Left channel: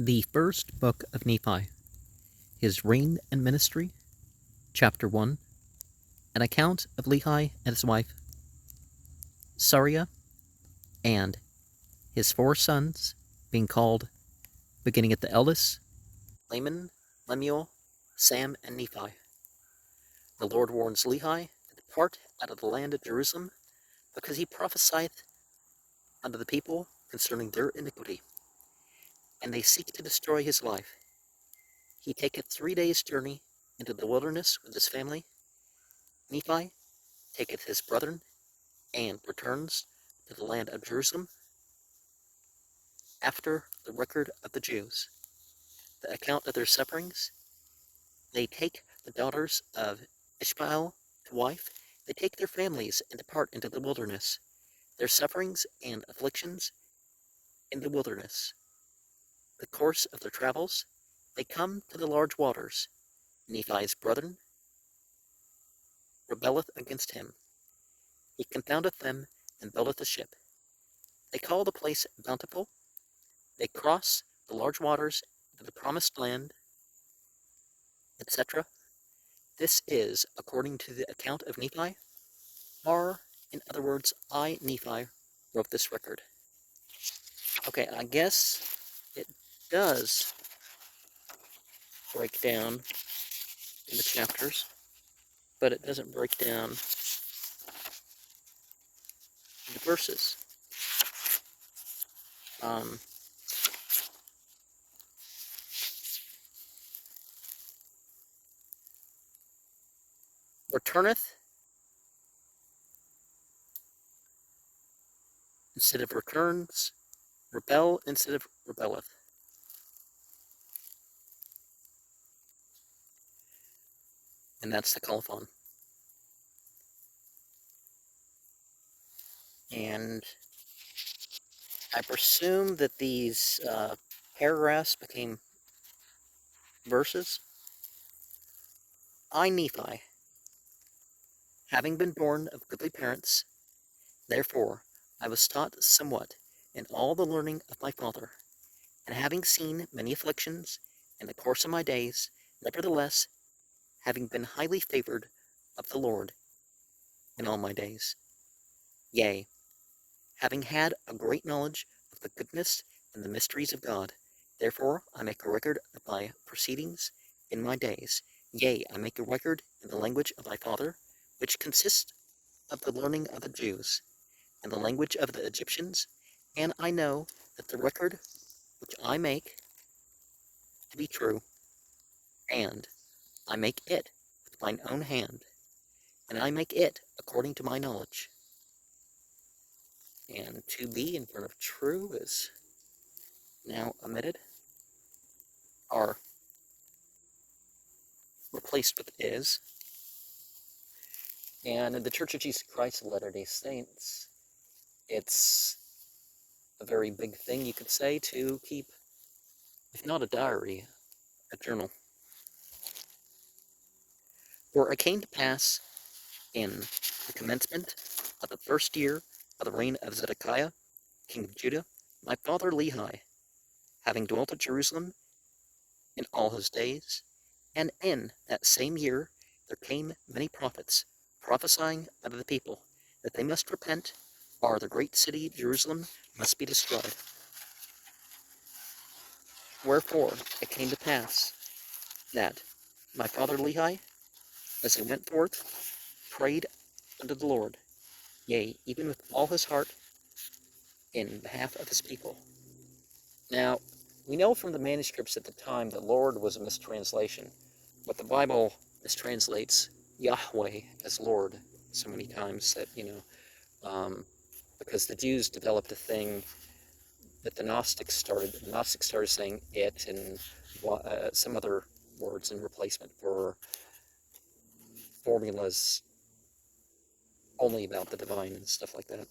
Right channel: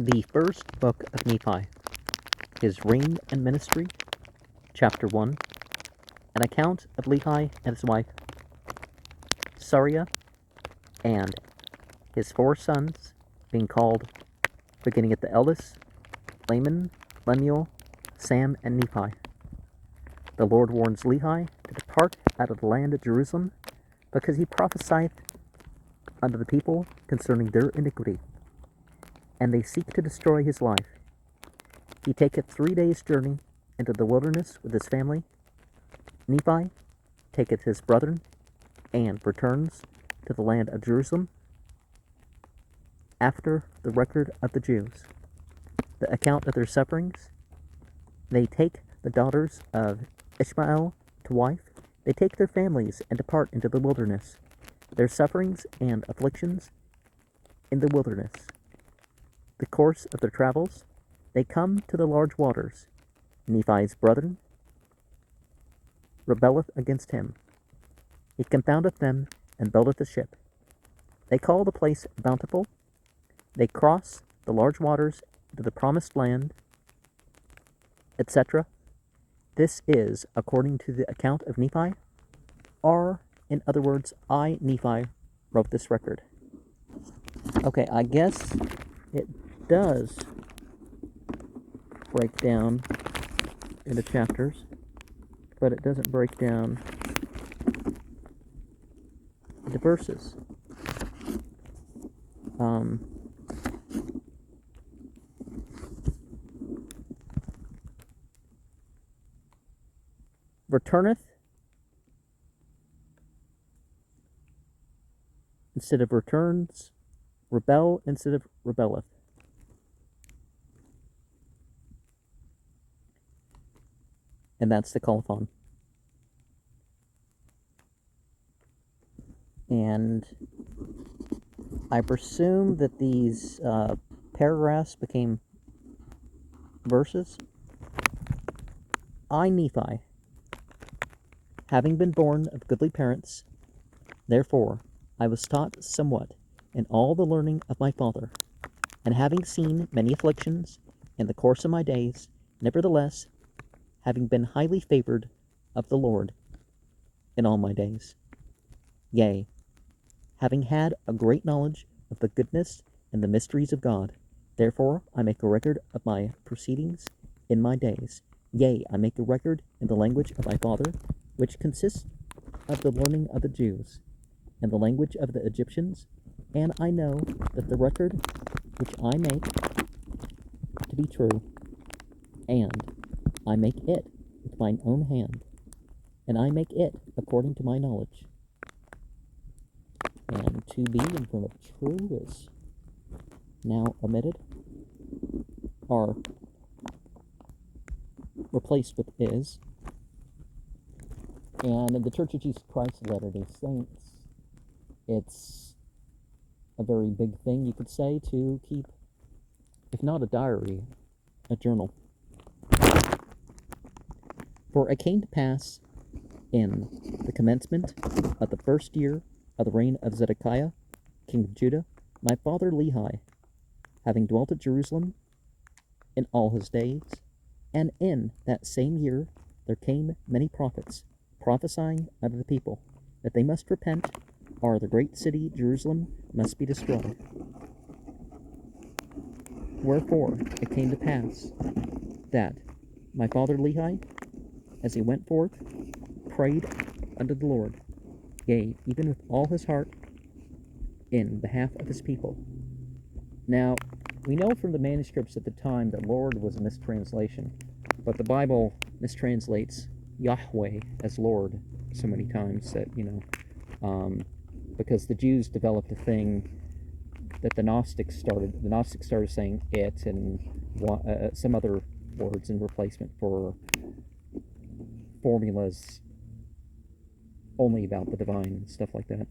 The first book of Nephi, his reign and ministry, chapter 1, an account of Lehi and his wife, Sariah, and his 4 sons, being called, beginning at the eldest, Laman, Lemuel, Sam, and Nephi. The Lord warns Lehi to depart out of the land of Jerusalem, because he prophesieth unto the people concerning their iniquity, and they seek to destroy his life. He taketh 3 days' journey into the wilderness with his family. Nephi taketh his brethren, and returns to the land of Jerusalem. After the record of the Jews, the account of their sufferings, they take the daughters of Ishmael to wife. They take their families and depart into the wilderness. Their sufferings and afflictions in the wilderness. The course of their travels, they come to the large waters. Nephi's brethren rebelleth against him. He confoundeth them and buildeth a ship. They call the place Bountiful. They cross the large waters to the promised land, etc. This is according to the account of Nephi, or, in other words, I, Nephi, wrote this record. Okay, I guess it does break down into chapters, but it doesn't break down the verses. Returneth instead of returns, rebel instead of rebelleth. And that's the colophon. And I presume that these paragraphs became verses. I, Nephi, having been born of goodly parents, therefore I was taught somewhat in all the learning of my father, and having seen many afflictions in the course of my days, nevertheless, having been highly favored of the Lord in all my days, yea, having had a great knowledge of the goodness and the mysteries of God, therefore I make a record of my proceedings in my days, yea, I make a record in the language of my father, which consists of the learning of the Jews, and the language of the Egyptians, and I know that the record which I make to be true, and I make it with mine own hand, and I make it according to my knowledge. And to be in front of true is now omitted, or replaced with is. And in the Church of Jesus Christ of Latter-day Saints, it's a very big thing, you could say, to keep, if not a diary, a journal. For it came to pass in the commencement of the first year of the reign of Zedekiah, king of Judah, my father Lehi, having dwelt at Jerusalem in all his days, and in that same year there came many prophets, prophesying unto the people that they must repent, or the great city Jerusalem must be destroyed. Wherefore it came to pass that my father Lehi, as he went forth, prayed unto the Lord, yea, even with all his heart, in behalf of his people. Now, we know from the manuscripts at the time that Lord was a mistranslation, but the Bible mistranslates Yahweh as Lord so many times that, because the Jews developed a thing that the Gnostics started. The Gnostics started saying it and some other words in replacement for formulas only about the divine and stuff like that.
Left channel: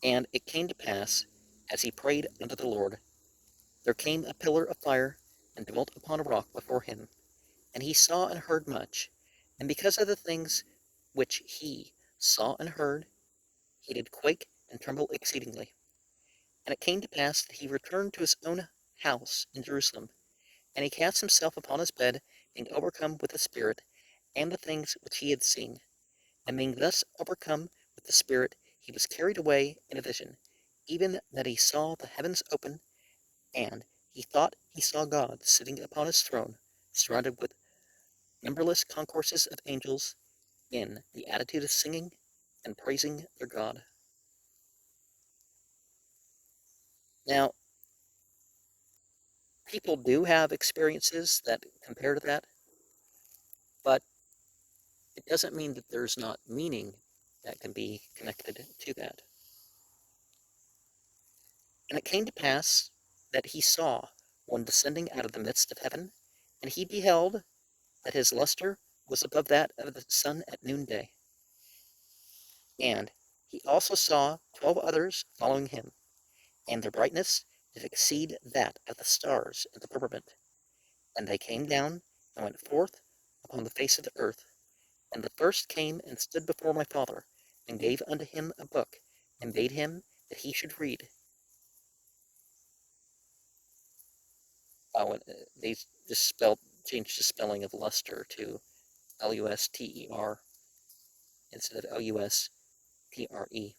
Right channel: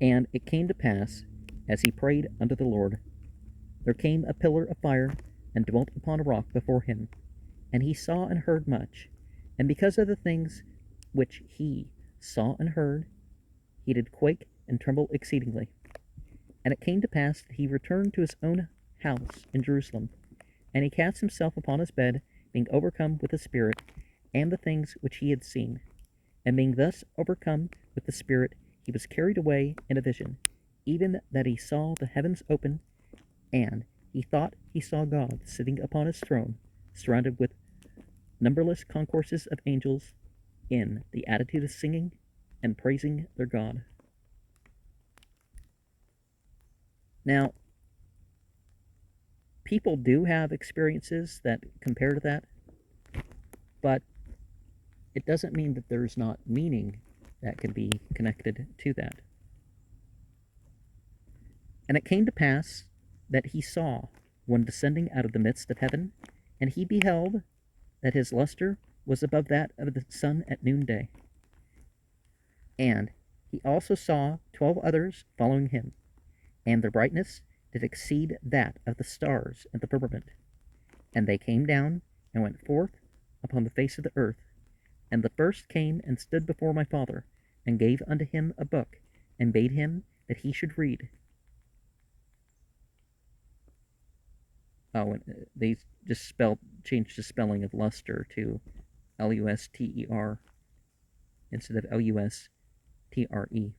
And it came to pass, as he prayed unto the Lord, there came a pillar of fire and dwelt upon a rock before him, and he saw and heard much. And because of the things which he saw and heard, he did quake and tremble exceedingly. And it came to pass that he returned to his own house in Jerusalem, and he cast himself upon his bed, being overcome with the Spirit, and the things which he had seen. And being thus overcome with the Spirit, he was carried away in a vision, even that he saw the heavens open, and he thought he saw God sitting upon his throne, surrounded with numberless concourses of angels, in the attitude of singing and praising their God. Now, people do have experiences that compare to that, but it doesn't mean that there's not meaning that can be connected to that. And it came to pass that he saw one descending out of the midst of heaven, and he beheld that his luster was above that of the sun at noonday. And he also saw 12 others following him, and their brightness did exceed that of the stars in the firmament. And they came down and went forth upon the face of the earth. And the first came and stood before my father, and gave unto him a book, and bade him that he should read. Oh, and they just changed the spelling of luster to Luster instead of Lustre.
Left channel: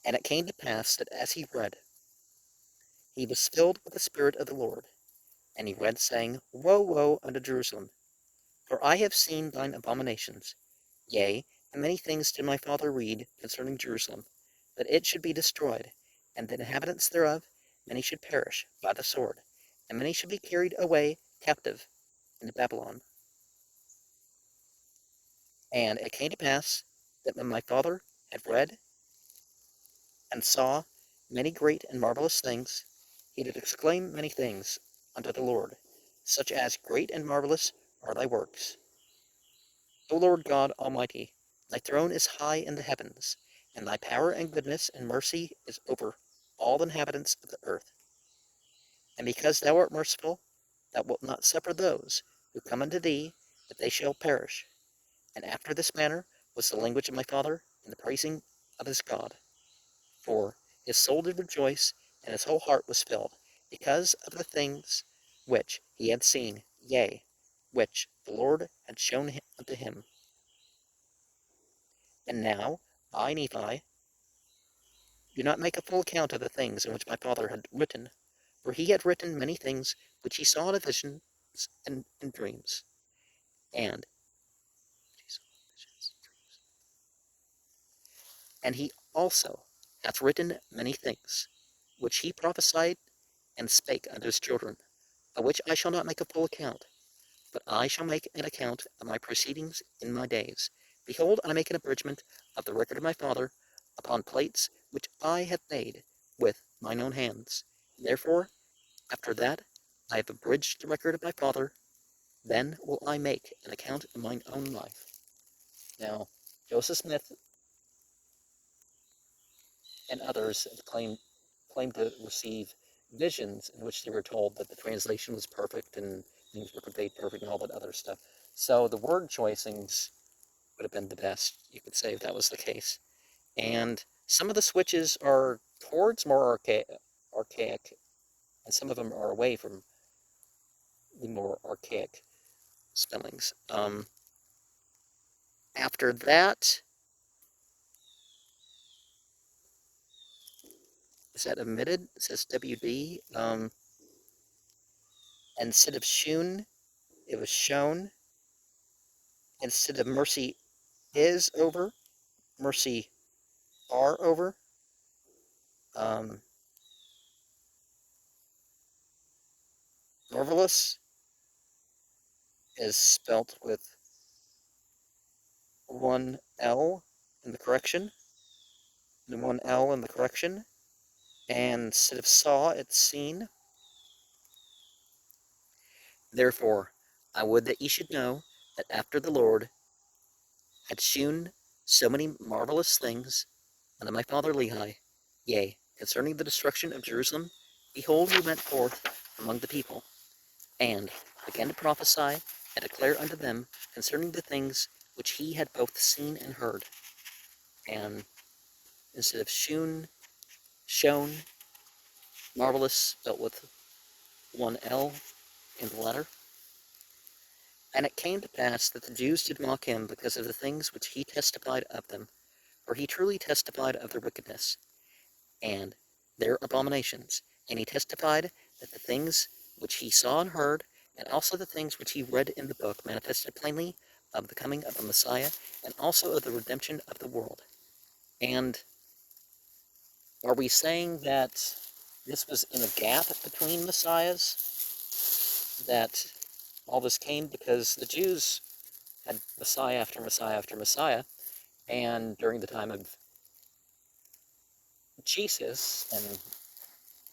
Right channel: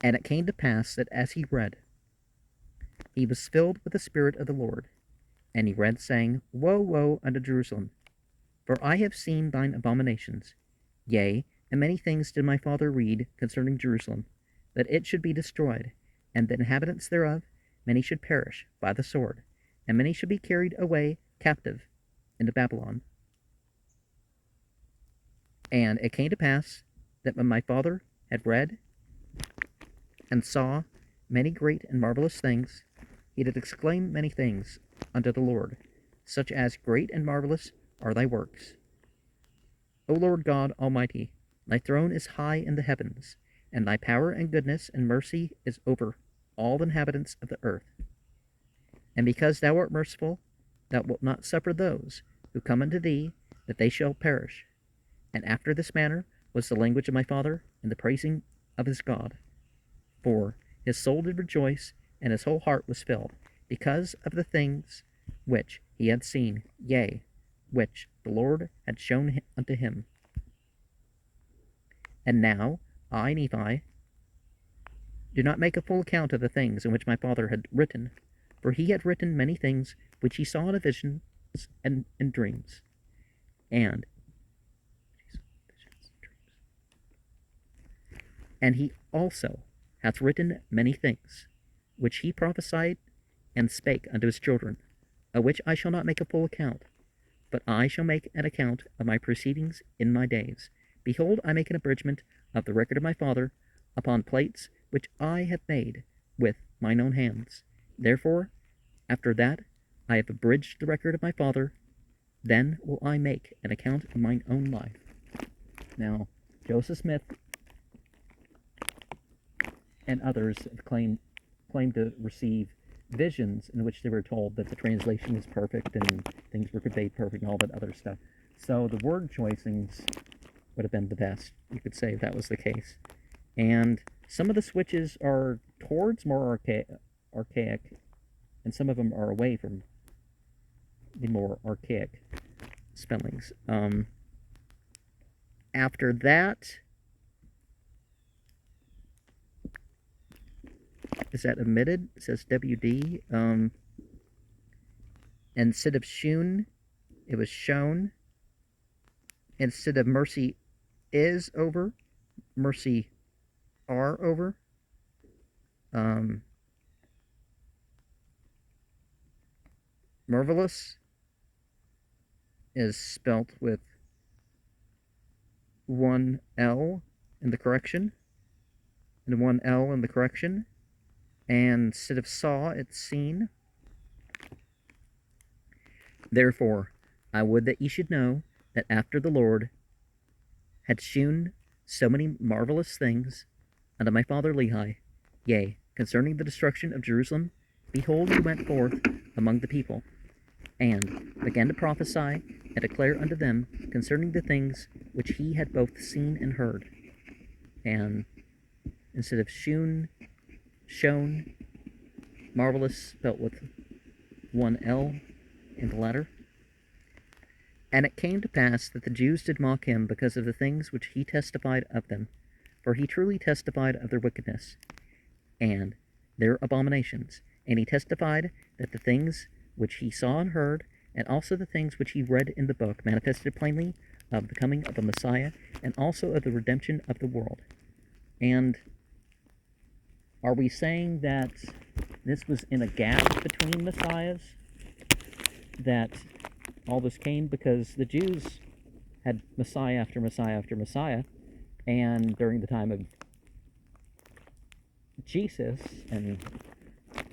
And it came to pass that as he read, he was filled with the Spirit of the Lord. And he read, saying, Woe, woe unto Jerusalem! For I have seen thine abominations. Yea, and many things did my father read concerning Jerusalem, that it should be destroyed, and the inhabitants thereof, many should perish by the sword, and many should be carried away captive into Babylon. And it came to pass that when my father had read and saw many great and marvelous things, he did exclaim many things unto the Lord, such as great and marvelous are thy works. O Lord God Almighty, thy throne is high in the heavens, and thy power and goodness and mercy is over all the inhabitants of the earth. And because thou art merciful, thou wilt not suffer those who come unto thee that they shall perish. And after this manner was the language of my father in the praising of his God. For his soul did rejoice, and his whole heart was filled, because of the things which he had seen, yea, which the Lord had shown unto him. And now I, Nephi, do not make a full account of the things in which my father had written, for he had written many things which he saw in a vision and in dreams. And he also hath written many things which he prophesied and spake unto his children, of which I shall not make a full account, but I shall make an account of my proceedings in my days. Behold, I make an abridgment of the record of my father upon plates which I have made with mine own hands. Therefore, after that I have abridged the record of my father, then will I make an account of mine own life. Now, Joseph Smith and others have claimed to receive visions in which they were told that the translation is perfect and things were conveyed perfect and all that other stuff. So the word choicings would have been the best, you could say, if that was the case. And some of the switches are towards more archaic, and some of them are away from the more archaic spellings. After that, is that omitted? It says WD. Instead of shewn, it was shown. Instead of mercy is over, mercy are over. Marvelous is spelt with one L in the correction, and one L in the correction. And instead of saw, it's seen. Therefore, I would that ye should know that after the Lord had shewn so many marvelous things unto my father Lehi, yea, concerning the destruction of Jerusalem, behold, he went forth among the people, and began to prophesy and declare unto them concerning the things which he had both seen and heard. and instead of shone, marvelous spelt with one L in the letter. And it came to pass that the Jews did mock him because of the things which he testified of them, for he truly testified of their wickedness and their abominations. And he testified that the things which he saw and heard, and also the things which he read in the book, manifested plainly of the coming of the Messiah, and also of the redemption of the world. And are we saying that this was in a gap between Messiahs? That all this came because the Jews had Messiah after Messiah after Messiah, and during the time of Jesus, and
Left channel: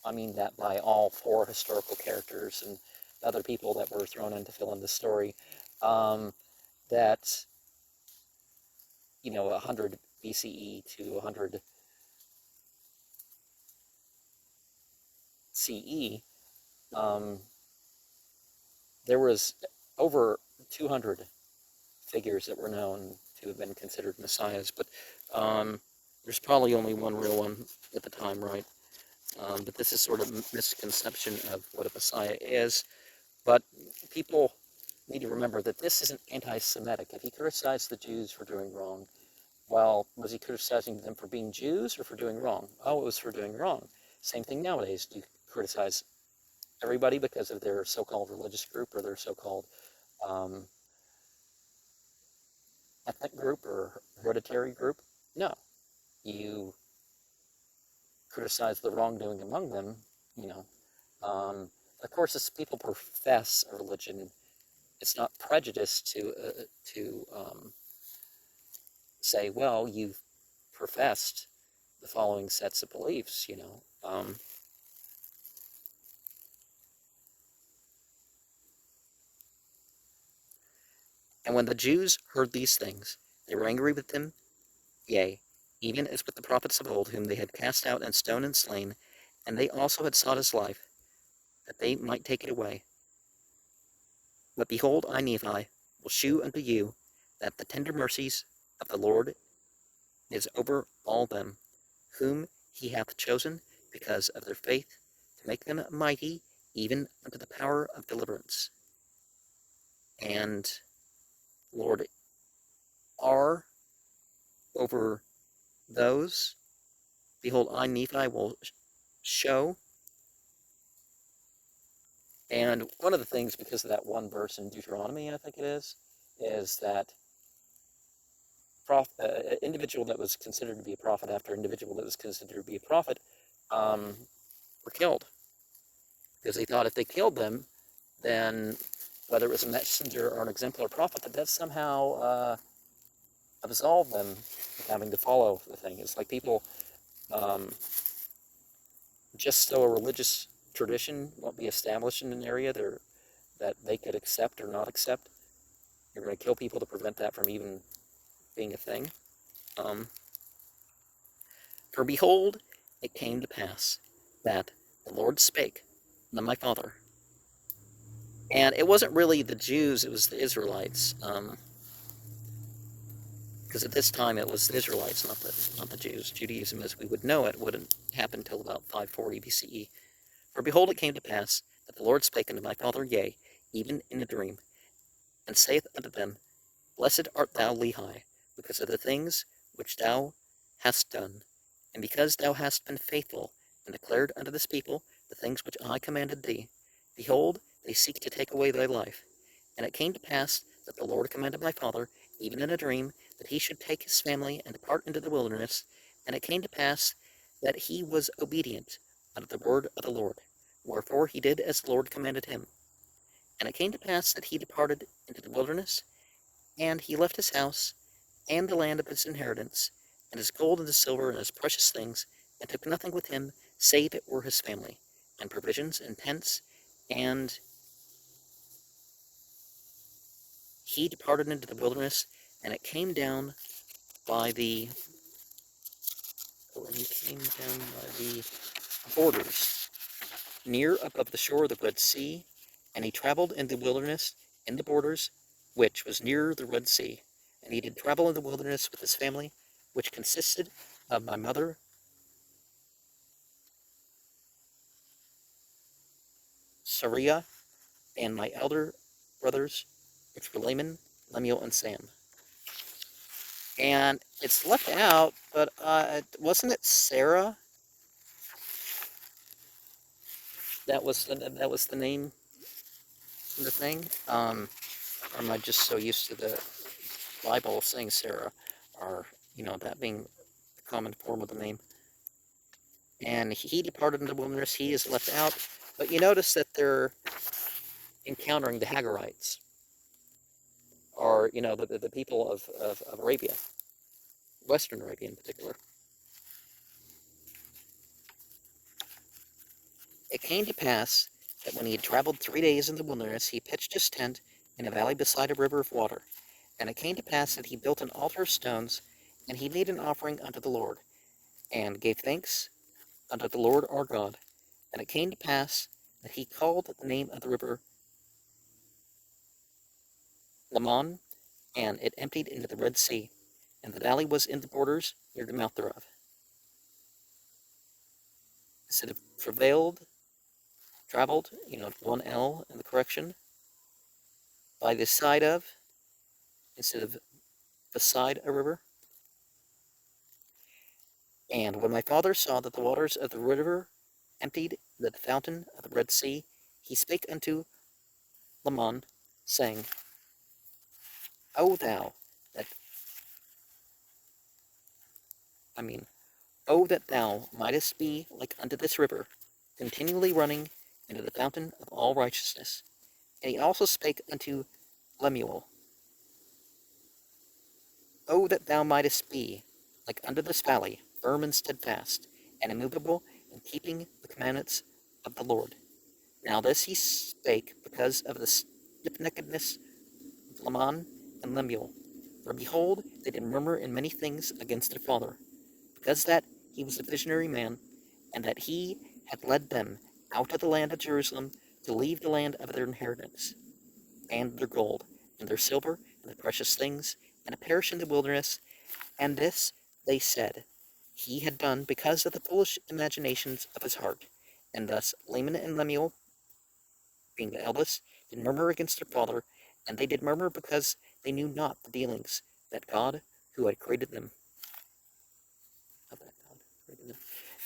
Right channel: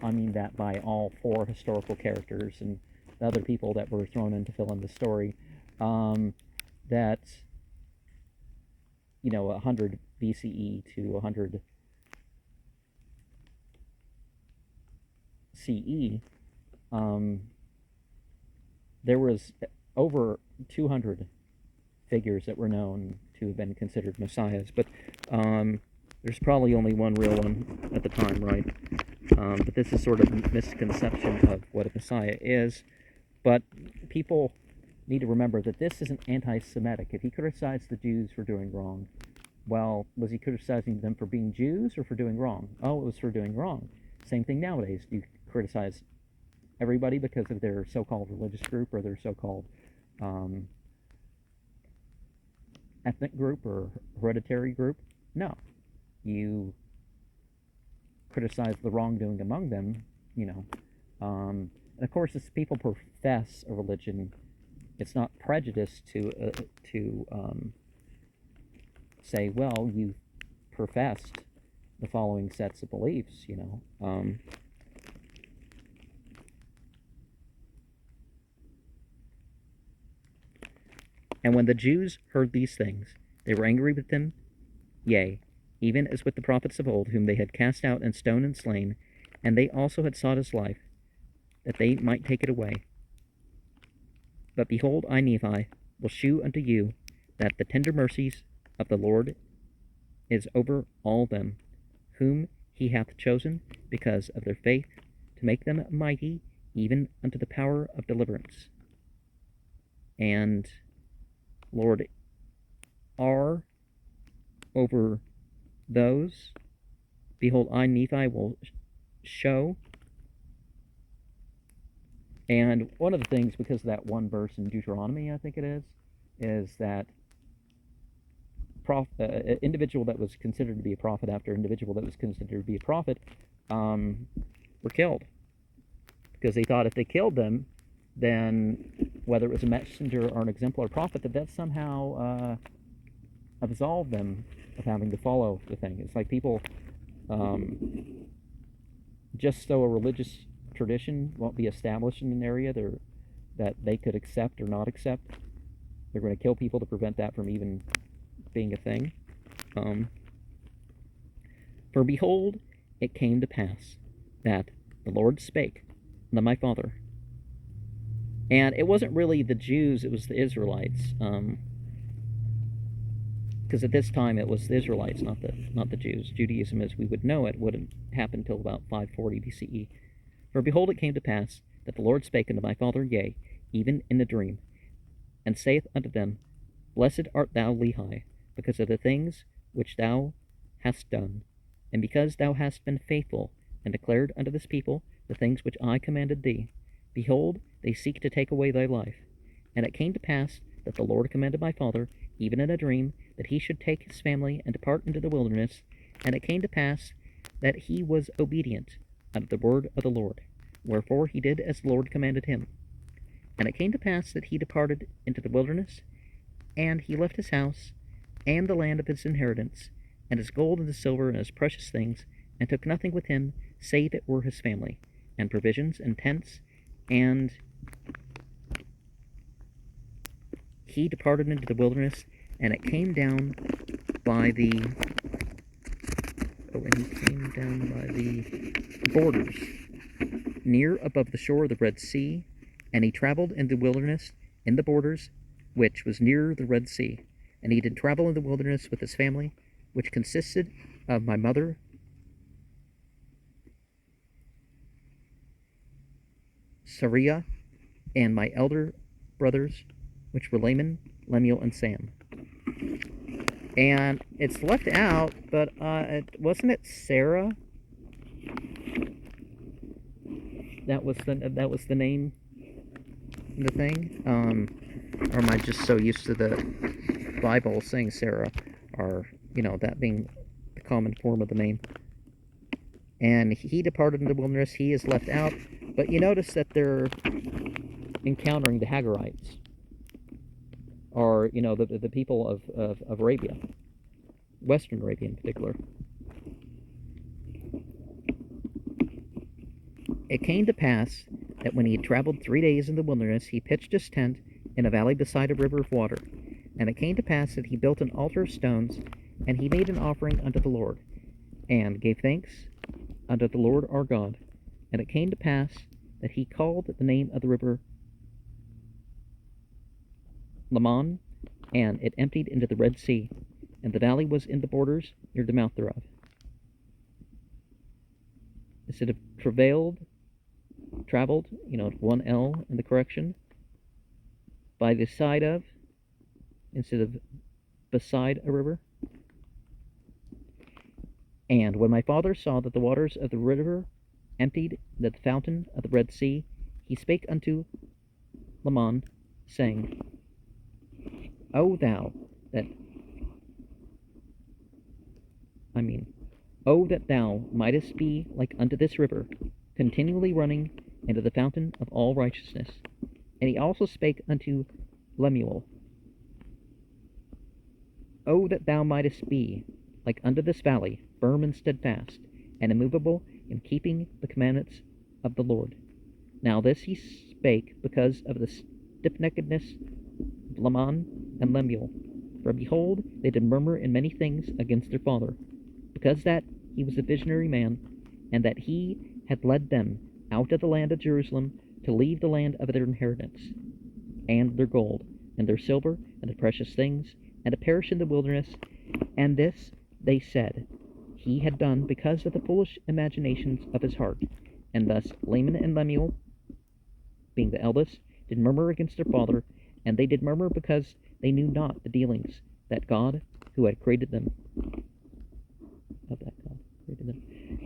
I mean that by all four historical characters and the other people that were thrown in to fill in the story, that, 100 BCE to 100 CE, there was over 200 figures that were known to have been considered messiahs, but there's probably only one real one at the time, right? But this is sort of a misconception of what a messiah is. But people need to remember that this isn't anti-Semitic. If he criticized the Jews for doing wrong, well, was he criticizing them for being Jews or for doing wrong? Oh, it was for doing wrong. Same thing nowadays. Do you criticize everybody because of their so-called religious group or their so-called ethnic group or hereditary group? No. You criticize the wrongdoing among them, And of course, as people profess a religion, it's not prejudice to say, well, you've professed the following sets of beliefs, And when the Jews heard these things, they were angry with him, yea, even as with the prophets of old, whom they had cast out and stoned and slain, and they also had sought his life, that they might take it away. But behold, I, Nephi, will shew unto you that the tender mercies of the Lord is over all them, whom he hath chosen, because of their faith, to make them mighty, even unto the power of deliverance. And Lord are over those. Behold, I, Nephi, will show. And one of the things, because of that one verse in Deuteronomy, I think it is that an individual that was considered to be a prophet after an individual that was considered to be a prophet were killed. Because they thought if they killed them, then whether it was a messenger or an exemplar prophet, that somehow absolved them of having to follow the thing. It's like people just so a religious tradition won't be established in an area that they could accept or not accept, they're going to kill people to prevent that from even being a thing. For behold, it came to pass that the Lord spake unto my father. And it wasn't really the Jews, it was the Israelites. Because at this time it was the Israelites, not the Jews. Judaism, as we would know it, wouldn't happen until about 540 BCE. For behold, it came to pass that the Lord spake unto my father, yea, even in a dream, and saith unto them, Blessed art thou, Lehi, because of the things which thou hast done, and because thou hast been faithful, and declared unto this people the things which I commanded thee. Behold, they seek to take away thy life. And it came to pass that the Lord commanded my father, even in a dream, that he should take his family and depart into the wilderness. And it came to pass that he was obedient unto the word of the Lord, wherefore he did as the Lord commanded him. And it came to pass that he departed into the wilderness, and he left his house, and the land of his inheritance, and his gold and his silver and his precious things, and took nothing with him, save it were his family, and provisions, and tents, and he departed into the wilderness, and it came down by the borders, near above the shore of the Red Sea, and he traveled in the wilderness, in the borders, which was near the Red Sea. And he did travel in the wilderness with his family which consisted of my mother Sariah, and my elder brothers, which were Laman, Lemuel, and Sam. And it's left out, but wasn't it Sarah? That was the name of the thing. Or am I just so used to the Bible saying Sarah, or that being the common form of the name? And he departed in the wilderness. He is left out, but you notice that they're encountering the Hagarites, or the people of Arabia, Western Arabia in particular. It came to pass that when he had traveled 3 days in the wilderness, he pitched his tent in a valley beside a river of water. And it came to pass that he built an altar of stones, and he made an offering unto the Lord, and gave thanks unto the Lord our God. And it came to pass that he called the name of the river Lamon, and it emptied into the Red Sea, and the valley was in the borders near the mouth thereof. Instead of traveled, one L in the correction, by the side of, instead of beside a river. And when my father saw that the waters of the river emptied the fountain of the Red Sea, he spake unto Lamon, saying, O that thou mightest be like unto this river, continually running into the fountain of all righteousness. And he also spake unto Lemuel, O that thou mightest be like unto this valley, firm and steadfast, and immovable in keeping the commandments of the Lord. Now this he spake because of the stiffneckedness of Lamon and Lemuel. For behold, they did murmur in many things against their father, because that he was a visionary man, and that he had led them out of the land of Jerusalem to leave the land of their inheritance, and their gold, and their silver, and the precious things, and to perish in the wilderness. And this, they said, he had done because of the foolish imaginations of his heart. And thus Laman and Lemuel, being the eldest, did murmur against their father, and they did murmur because they knew not the dealings that God, who had created them,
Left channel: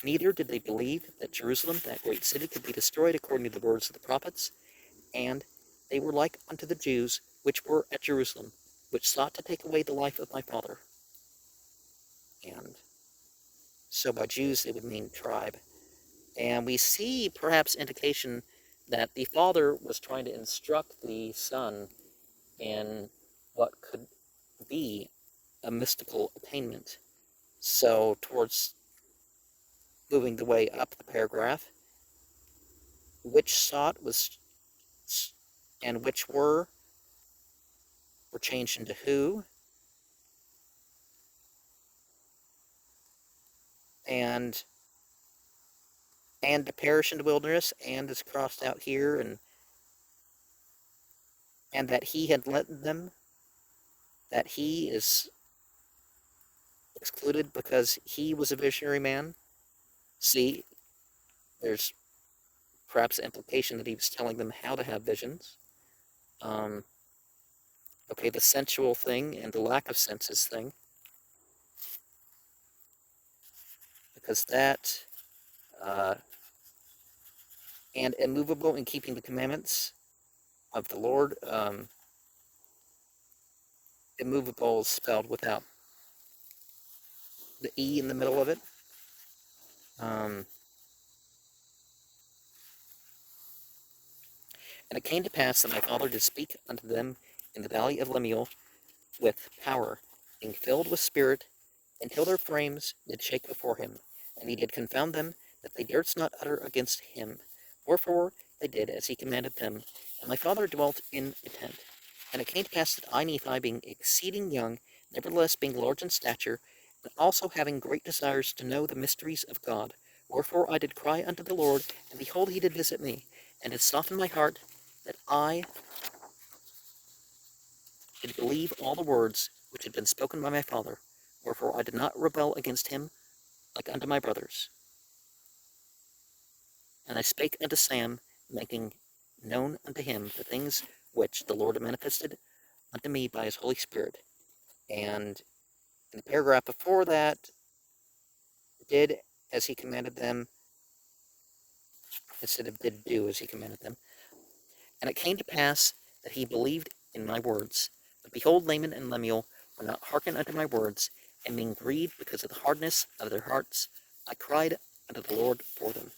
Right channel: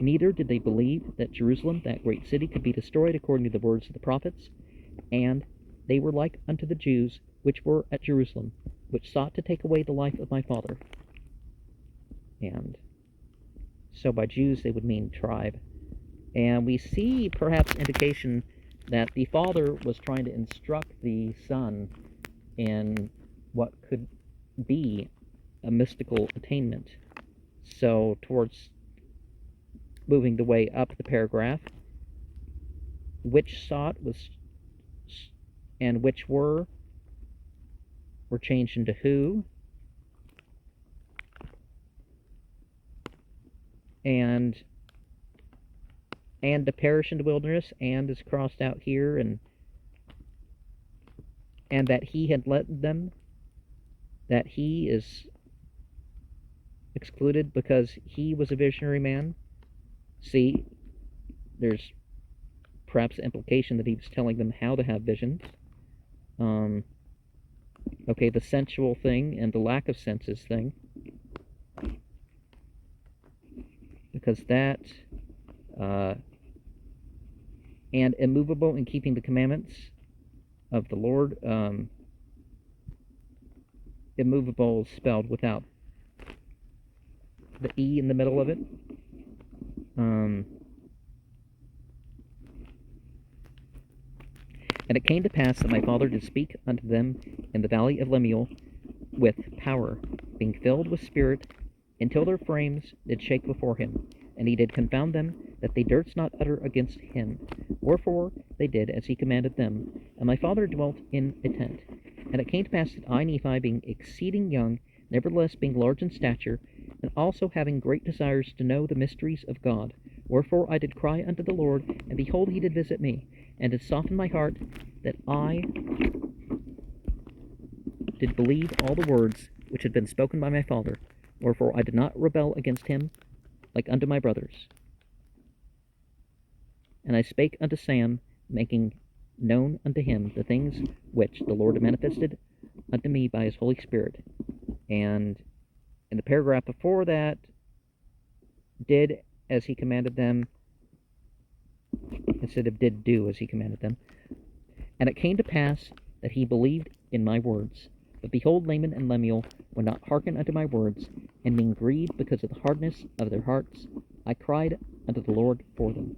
Neither did they believe that Jerusalem, that great city, could be destroyed according to the words of the prophets. And they were like unto the Jews which were at Jerusalem, which sought to take away the life of my father. And so by Jews they would mean tribe. And we see perhaps indication that the father was trying to instruct the son in what could be a mystical attainment. So towards moving the way up the paragraph, which sought was and which were changed into who, and to perish in the wilderness, and is crossed out here, and that he had led them, that he is excluded because he was a visionary man. See, there's perhaps implication that he was telling them how to have visions. Okay, the sensual thing and the lack of senses thing. Because that, and immovable in keeping the commandments of the Lord. Immovable is spelled without the E in the middle of it. And it came to pass that my father did speak unto them in the valley of Lemuel with power, being filled with spirit, until their frames did shake before him. And he did confound them, that they durst not utter against him. Wherefore they did as he commanded them. And my father dwelt in a tent. And it came to pass that I, Nephi, being exceeding young, nevertheless being large in stature, and also having great desires to know the mysteries of God, wherefore I did cry unto the Lord, and behold, he did visit me, and did soften my heart, that I did believe all the words which had been spoken by my father, Wherefore I did not rebel against him like unto my brothers. And I spake unto Sam, making known unto him the things which the Lord manifested unto me by his Holy Spirit. And in the paragraph before that, did as he commanded them, instead of did do as he commanded them. And it came to pass that he believed in my words. But behold, Laman and Lemuel would not hearken unto my words, and being grieved because of the hardness of their hearts, I cried unto the Lord for them.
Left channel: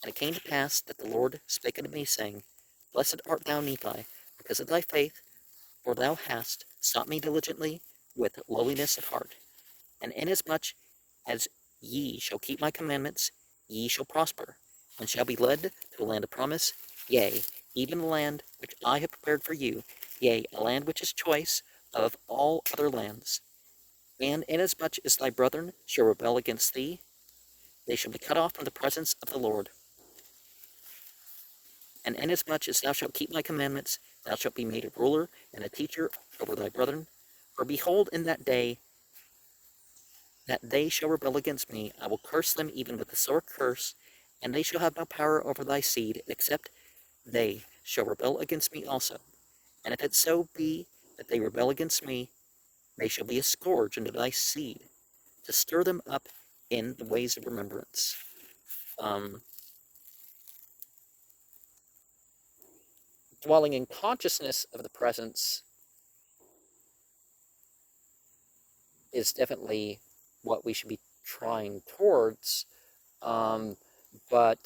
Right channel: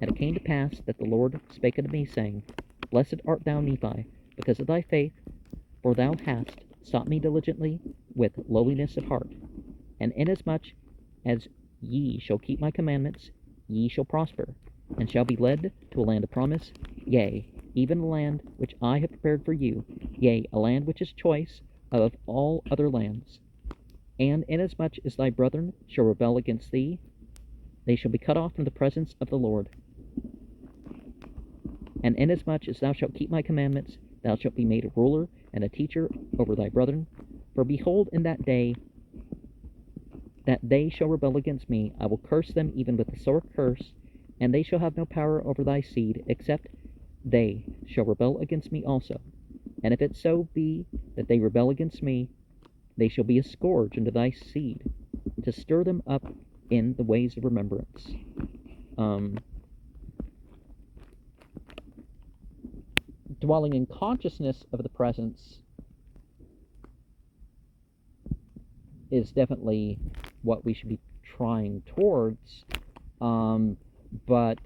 And it came to pass that the Lord spake unto me, saying, Blessed art thou, Nephi, because of thy faith, for thou hast sought me diligently with lowliness of heart. And inasmuch as ye shall keep my commandments, ye shall prosper, and shall be led to a land of promise, yea, even the land which I have prepared for you, yea, a land which is choice of all other lands. And inasmuch as thy brethren shall rebel against thee, they shall be cut off from the presence of the Lord. And inasmuch as thou shalt keep my commandments, thou shalt be made a ruler and a teacher over thy brethren. For behold, in that day that they shall rebel against me, I will curse them even with a sore curse, and they shall have no power over thy seed, except they shall rebel against me also. And if it so be that they rebel against me, they shall be a scourge unto thy seed, to stir them up in the ways of remembrance. Dwelling in consciousness of the presence is definitely what we should be trying towards, but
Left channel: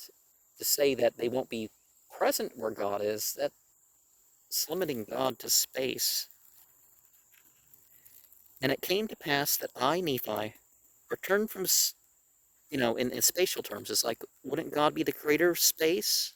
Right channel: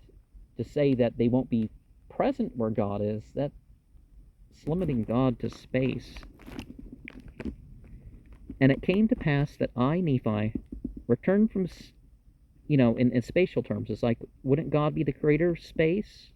to say that they won't be present where God is, that's limiting God to space. And it came to pass that I, Nephi, returned from, in spatial terms, it's like, wouldn't God be the creator of space?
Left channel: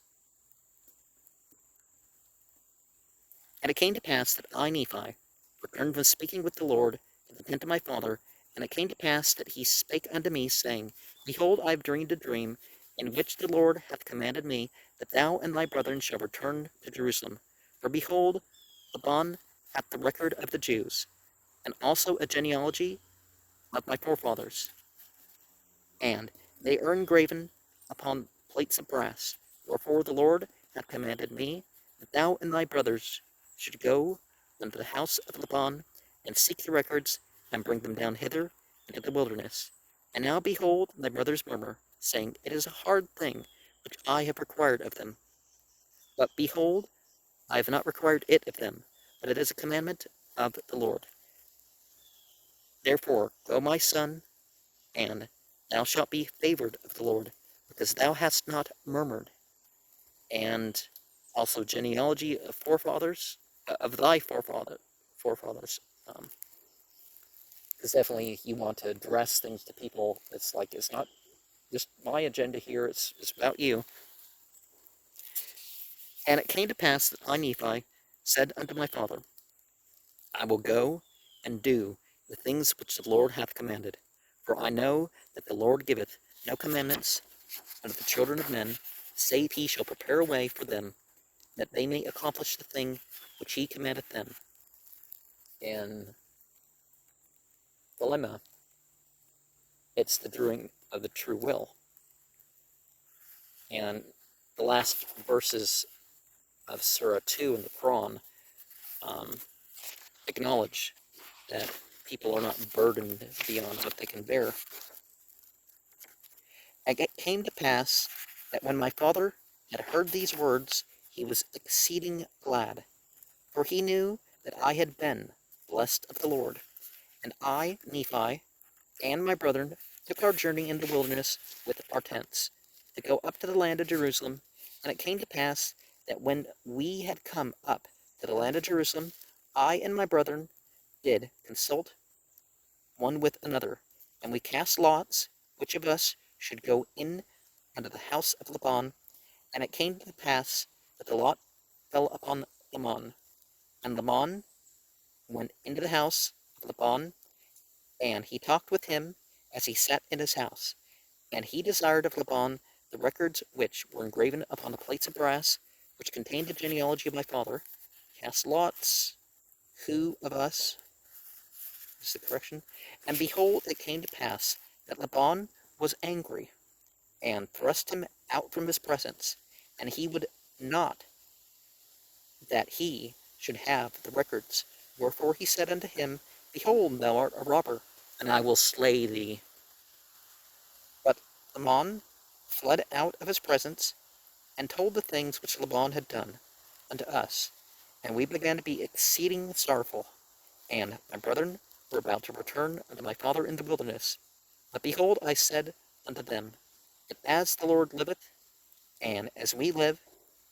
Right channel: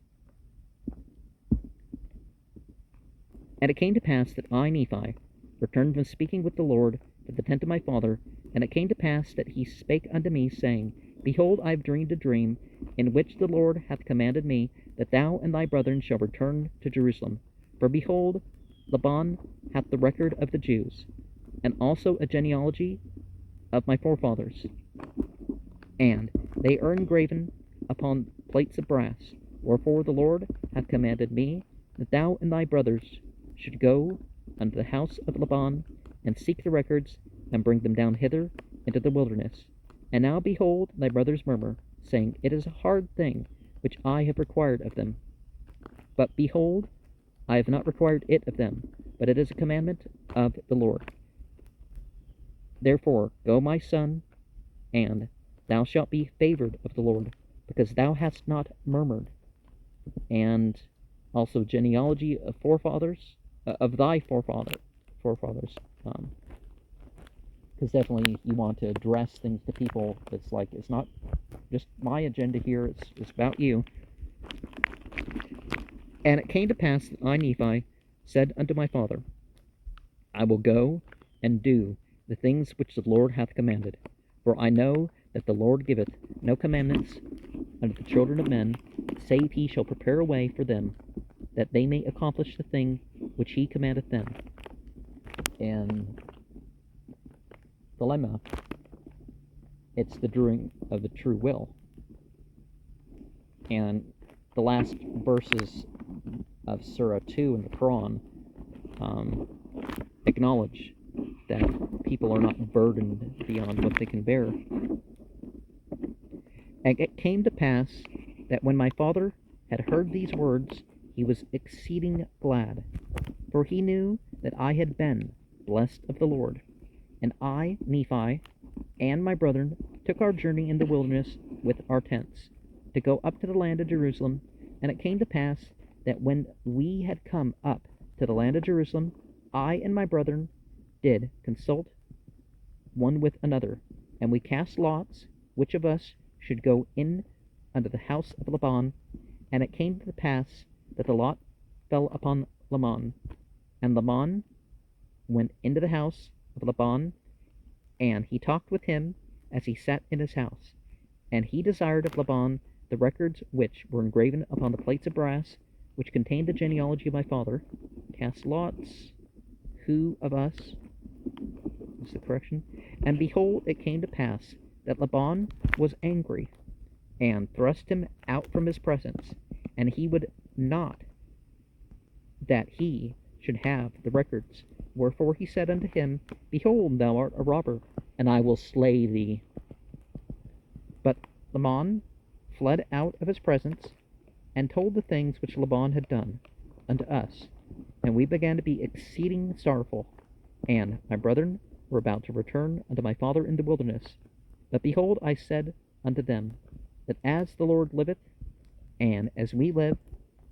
And it came to pass that I, Nephi, returned from speaking with the Lord to the tent of my father, and it came to pass that he spake unto me, saying, Behold, I have dreamed a dream, in which the Lord hath commanded me that thou and thy brethren shall return to Jerusalem. For behold, Laban hath the record of the Jews, and also a genealogy of my forefathers. And they are engraven upon plates of brass. Wherefore the Lord hath commanded me that thou and thy brothers should go unto the house of Laban, and seek the records, and bring them down hither into the wilderness. And now behold, thy brothers murmur, saying, It is a hard thing which I have required of them. But behold, I have not required it of them, but it is a commandment of the Lord. Therefore, go, my son, and thou shalt be favored of the Lord, because thou hast not murmured. And also genealogy of forefathers, of thy forefathers. Because definitely you want to address things to people. It's like, it's not just my agenda here, it's about you. And it came to pass that I, Nephi, said unto my father, I will go and do the things which the Lord hath commanded. For I know that the Lord giveth no commandments unto the children of men, save he shall prepare a way for them, that they may accomplish the thing which he commandeth them. And dilemma, it's the doing of the true will. And the last verses of Surah 2 in the Quran acknowledge that people are not burdened beyond what they can bear. And it came to pass that when my father had heard these words, he was exceeding glad, for he knew that I had been blessed of the Lord. And I, Nephi, and my brethren took our journey in the wilderness with our tents, to go up to the land of Jerusalem. And it came to pass that when we had come up to the land of Jerusalem, I and my brethren did consult one with another, and we cast lots, which of us should go in unto the house of Laban. And it came to pass that the lot fell upon Laman, and Laman went into the house of Laban, and he talked with him as he sat in his house. And he desired of Laban the records which were engraven upon the plates of brass, which contained the genealogy of my father. Cast lots, who of us is the correction. And behold, it came to pass that Laban was angry, and thrust him out from his presence, and he would not that he should have the records. Wherefore he said unto him, Behold, thou art a robber, and I will slay thee. But Laban fled out of his presence, and told the things which Laban had done unto us. And we began to be exceeding sorrowful. And my brethren were about to return unto my father in the wilderness. But behold, I said unto them, that as the Lord liveth, and as we live,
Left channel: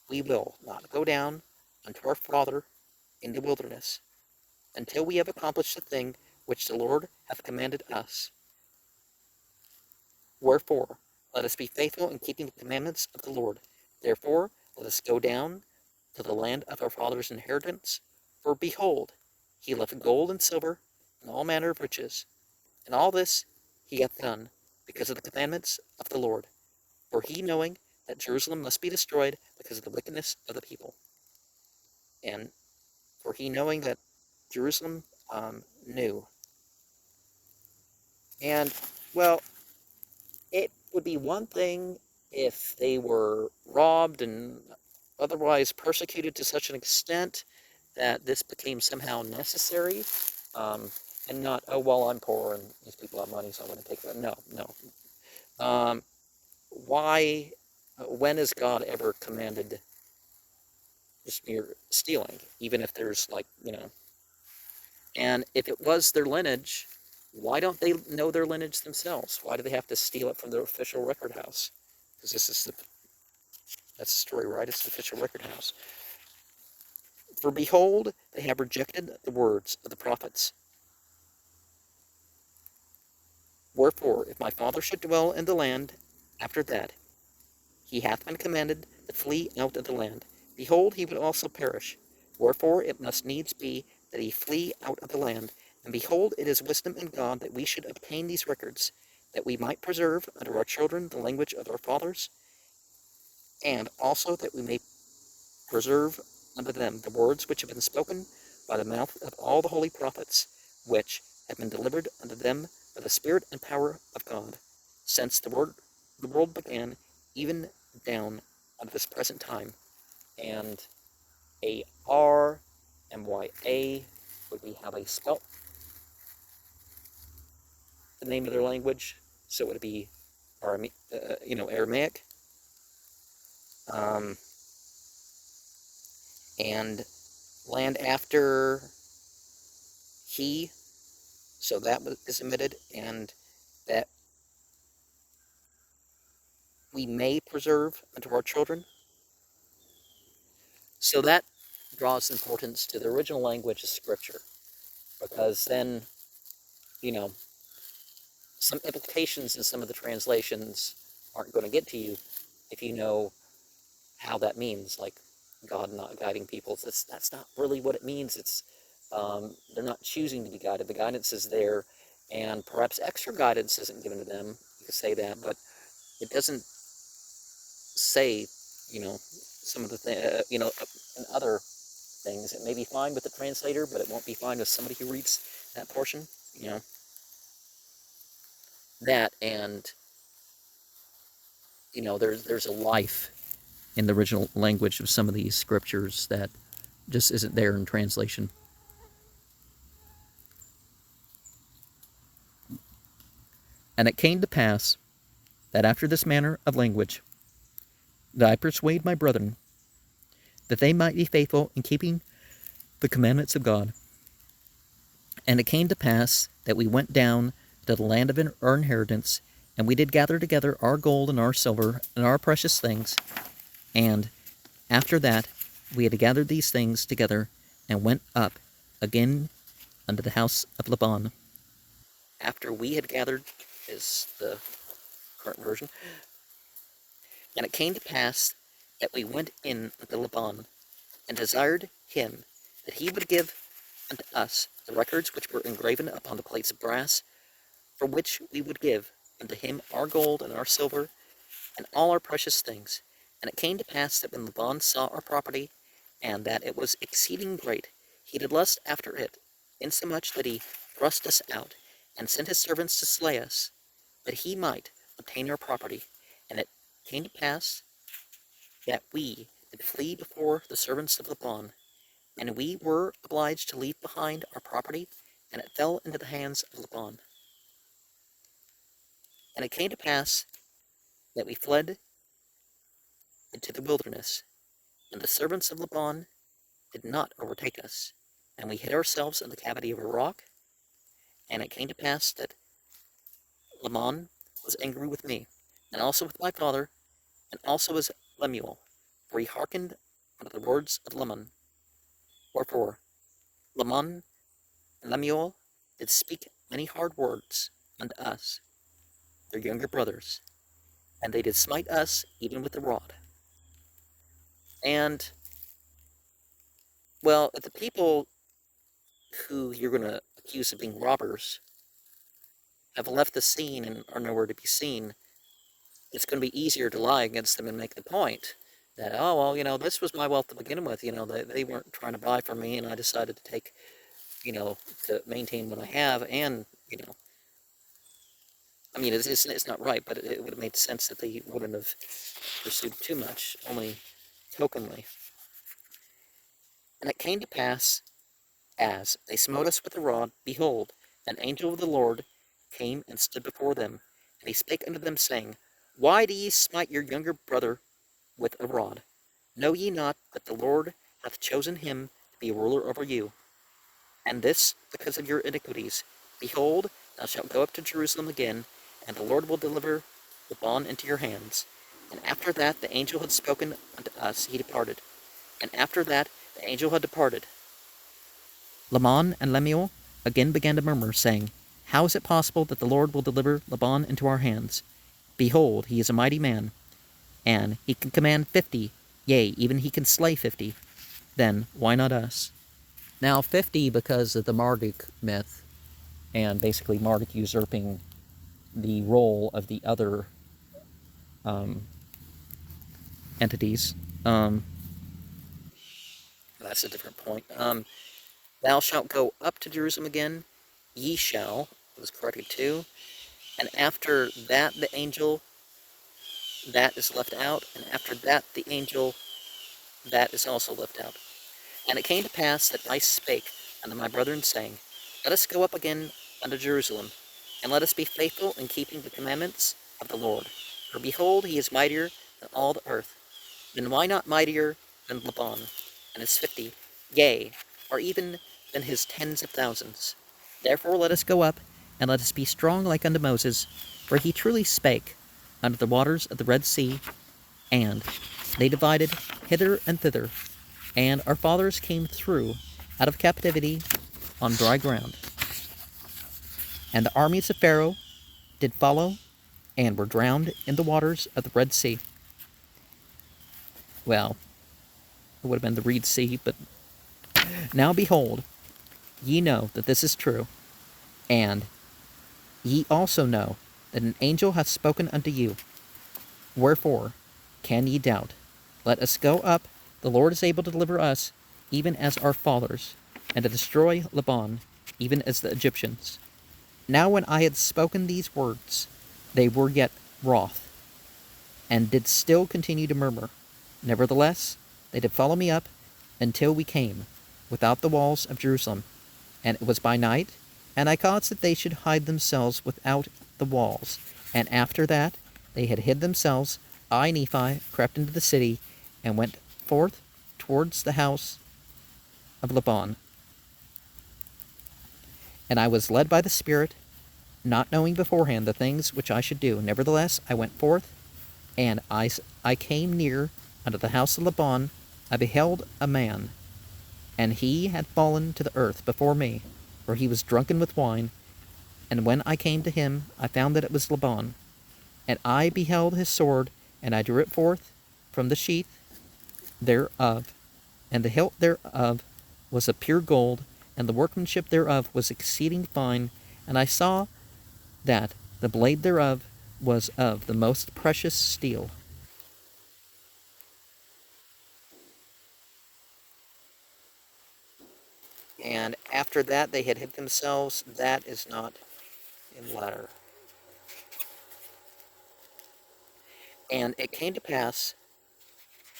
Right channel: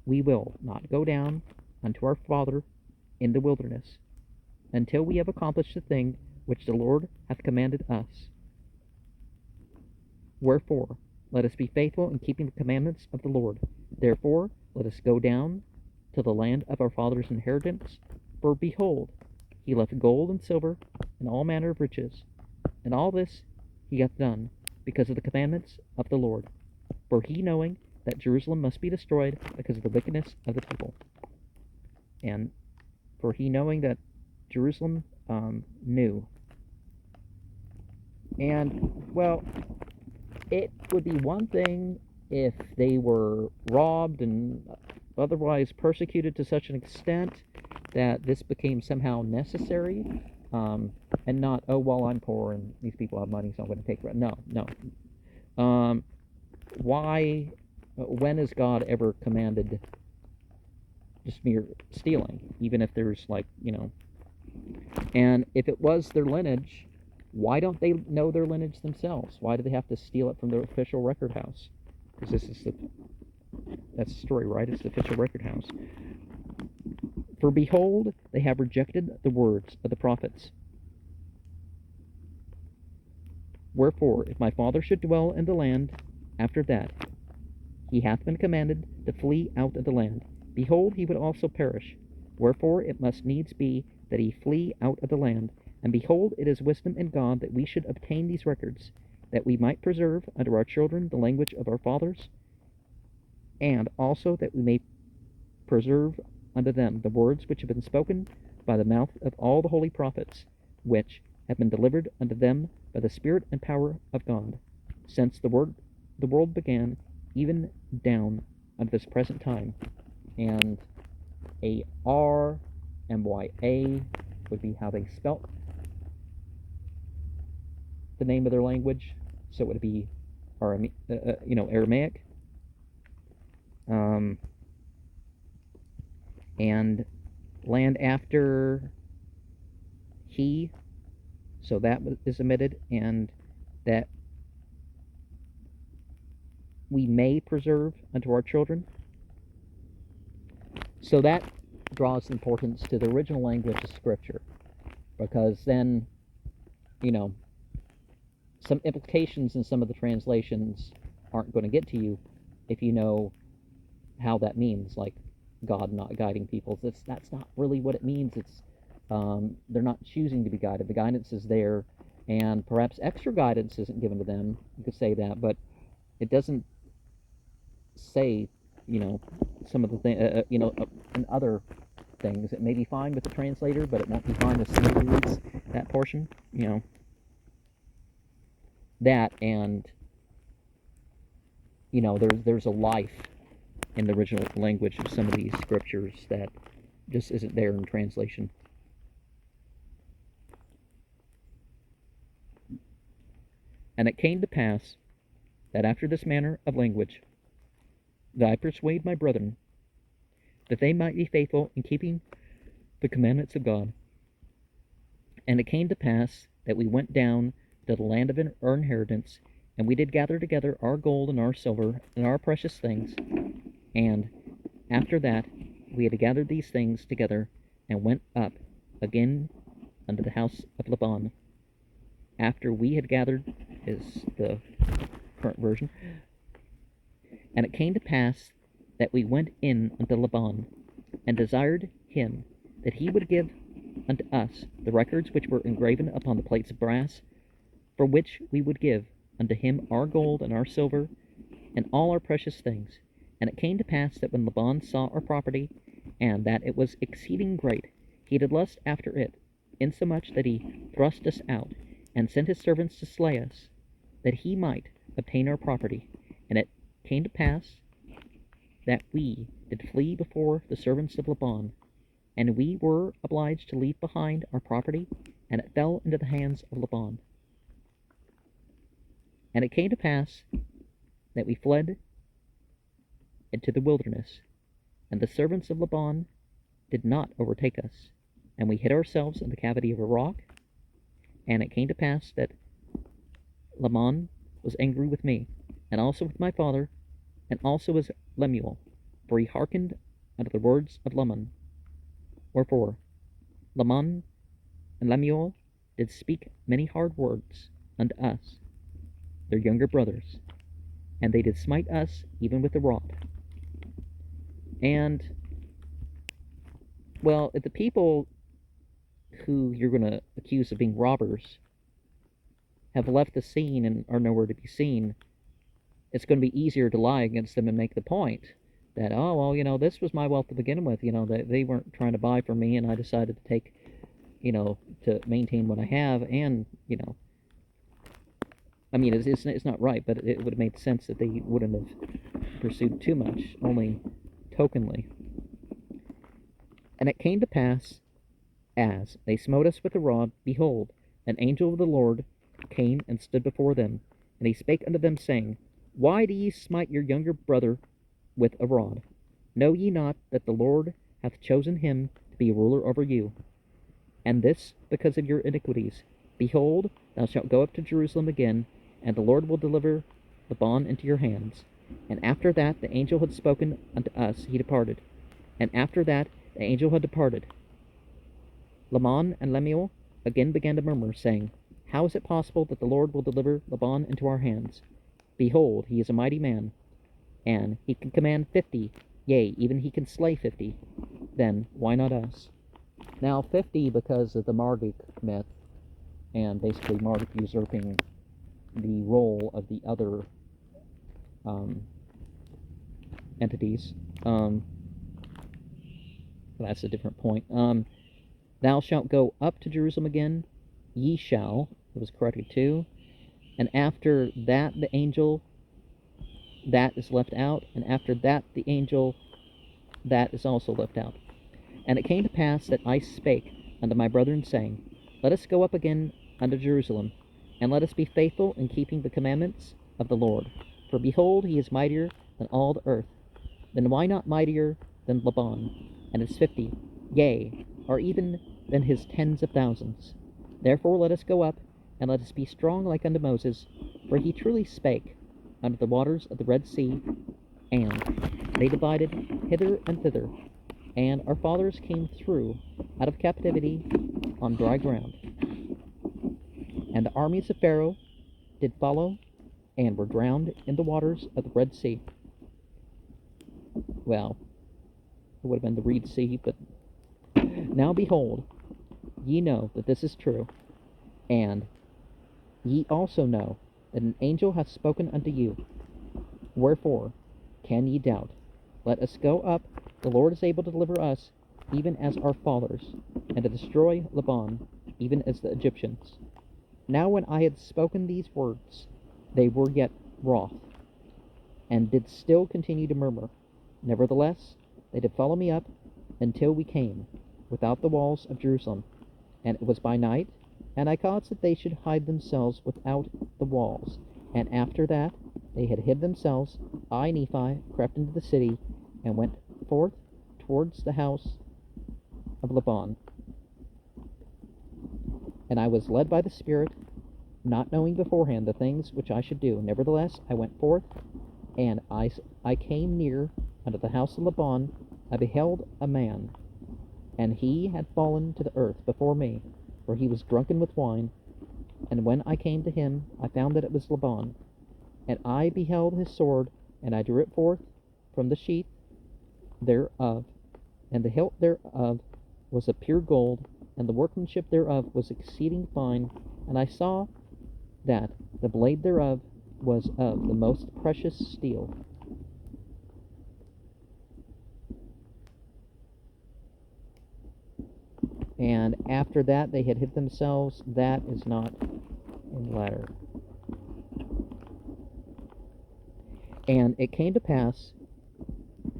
we will not go down unto our father in the wilderness, until we have accomplished the thing which the Lord hath commanded us. Wherefore, let us be faithful in keeping the commandments of the Lord. Therefore, let us go down to the land of our father's inheritance. For behold, he left gold and silver, and all manner of riches. And all this he hath done, because of the commandments of the Lord. For he knowing that Jerusalem must be destroyed because of the wickedness of the people. And for he knowing that Jerusalem knew. And, well, it would be one thing if they were robbed and otherwise persecuted to such an extent that this became somehow necessary, and not, oh, well, I'm poor and these people have money, so I'm going to take it. No. Why, when has God ever commanded just mere stealing, even if there's, like, and if it was their lineage, why don't they know their lineage themselves? Why do they have to steal it from the official record house? Because that's the story, right? It's the official record house. For behold, they have rejected the words of the prophets. Wherefore, if my father should dwell in the land, after that he hath been commanded to flee out of the land, behold, he would also perish. Wherefore it must needs be that he flee out of the land. And behold, it is wisdom in God that we should obtain these records, that we might preserve unto our children the language of our fathers, and also that we may preserve unto them the words which have been spoken by the mouth of all the holy prophets, which have been delivered unto them by the Spirit and power of God, since the world began, even down unto this present time. And A-R-M-Y-A would be how they spelt the name of their language, so it would be Aramaic. And land after he, so that is omitted, and that we may preserve unto our children. So that draws importance to the original language of Scripture, because then, some implications in some of the translations aren't going to get to you if you know how that means, like God not guiding people. That's not really what it means. It's they're not choosing to be guided. The guidance is there, and perhaps extra guidance isn't given to them. You could say that, but it doesn't say, some of the things, and other things. It may be fine with the translator, but it won't be fine with somebody who reads that portion, That, and, there's a life in the original language of some of these scriptures that just isn't there in translation. And it came to pass that after this manner of language, that I persuade my brethren that they might be faithful in keeping the commandments of God. And it came to pass that we went down to the land of our inheritance, and we did gather together our gold and our silver and our precious things. And after that we had gathered these things together, and went up again unto the house of Laban. After we had gathered is the current version. And it came to pass that we went in unto Laban, and desired him that he would give unto us the records which were engraven upon the plates of brass, for which we would give unto him our gold and our silver, and all our precious things. And it came to pass that when Laban saw our property, and that it was exceeding great, he did lust after it, insomuch that he thrust us out, and sent his servants to slay us, that he might obtain our property. And it came to pass that we did flee before the servants of Laban, and we were obliged to leave behind our property, and it fell into the hands of Laban. And it came to pass that we fled into the wilderness, and the servants of Laban did not overtake us, and we hid ourselves in the cavity of a rock. And it came to pass that Laban was angry with me, and also with my father, and also with Lemuel, for he hearkened unto the words of Laman. Wherefore Laman and Lemuel did speak many hard words unto us, their younger brothers, and they did smite us even with the rod. And, well, if the people who you're going to accuse of being robbers have left the scene and are nowhere to be seen, it's going to be easier to lie against them and make the point that, oh, well, this was my wealth to begin with. They weren't trying to buy from me, and I decided to take, to maintain what I have. And, I mean, it's not right, but it would have made sense that they wouldn't have pursued too much, only tokenly. And it came to pass, as they smote us with a rod, behold, an angel of the Lord came and stood before them. And he spake unto them, saying, Why do ye smite your younger brother with a rod? Know ye not that the Lord hath chosen him to be a ruler over you? And this because of your iniquities. Behold, thou shalt go up to Jerusalem again, and the Lord will deliver Laban into your hands. And after that the angel had spoken unto us, he departed. And after that the angel had departed, Laman and Lemuel again began to murmur, saying, How is it possible that the Lord will deliver Laban into our hands? Behold, he is a mighty man, and he can command 50, yea, even he can slay 50. Then why not us? Now 50 because of the Marduk myth, and basically Marduk usurping the role of the other entities. That's a different point. Thou shalt go up to Jerusalem again, ye shall, it was corrected too, and after that the angel, that is left out, and after that the angel, that is also left out. And it came to pass that I spake unto my brethren, saying, Let us go up again unto Jerusalem, and let us be faithful in keeping the commandments of the Lord. For behold, he is mightier than all the earth. Then why not mightier than Laban, and his 50, yea, or even than his tens of thousands? Therefore let us go up, and let us be strong like unto Moses, for he truly spake unto the waters of the Red Sea, and they divided hither and thither, and our fathers came through out of captivity on dry ground. And the armies of Pharaoh did follow, and were drowned in the waters of the Red Sea. Well, it would have been the Reed Sea, but now behold, ye know that this is true, and ye also know that an angel hath spoken unto you. Wherefore can ye doubt? Let us go up, the Lord is able to deliver us, even as our fathers, and to destroy Laban, even as the Egyptians. Now when I had spoken these words, they were yet wroth, and did still continue to murmur. Nevertheless, they did follow me up until we came without the walls of Jerusalem. And it was by night, and I caused that they should hide themselves without the walls. And after that they had hid themselves, I, Nephi, crept into the city, and went forth towards the house of Laban. And I was led by the Spirit, not knowing beforehand the things which I should do. Nevertheless, I went forth, and I came near unto the house of Laban. I beheld a man, and he had fallen to the earth before me, for he was drunken with wine. And when I came to him, I found that it was Laban. And I beheld his sword, and I drew it forth from the sheath thereof, and the hilt thereof was of pure gold, and the workmanship thereof was exceeding fine. And I saw that the blade thereof was of the most precious steel. And after that they had hid themselves. That is not in the latter. And it came to pass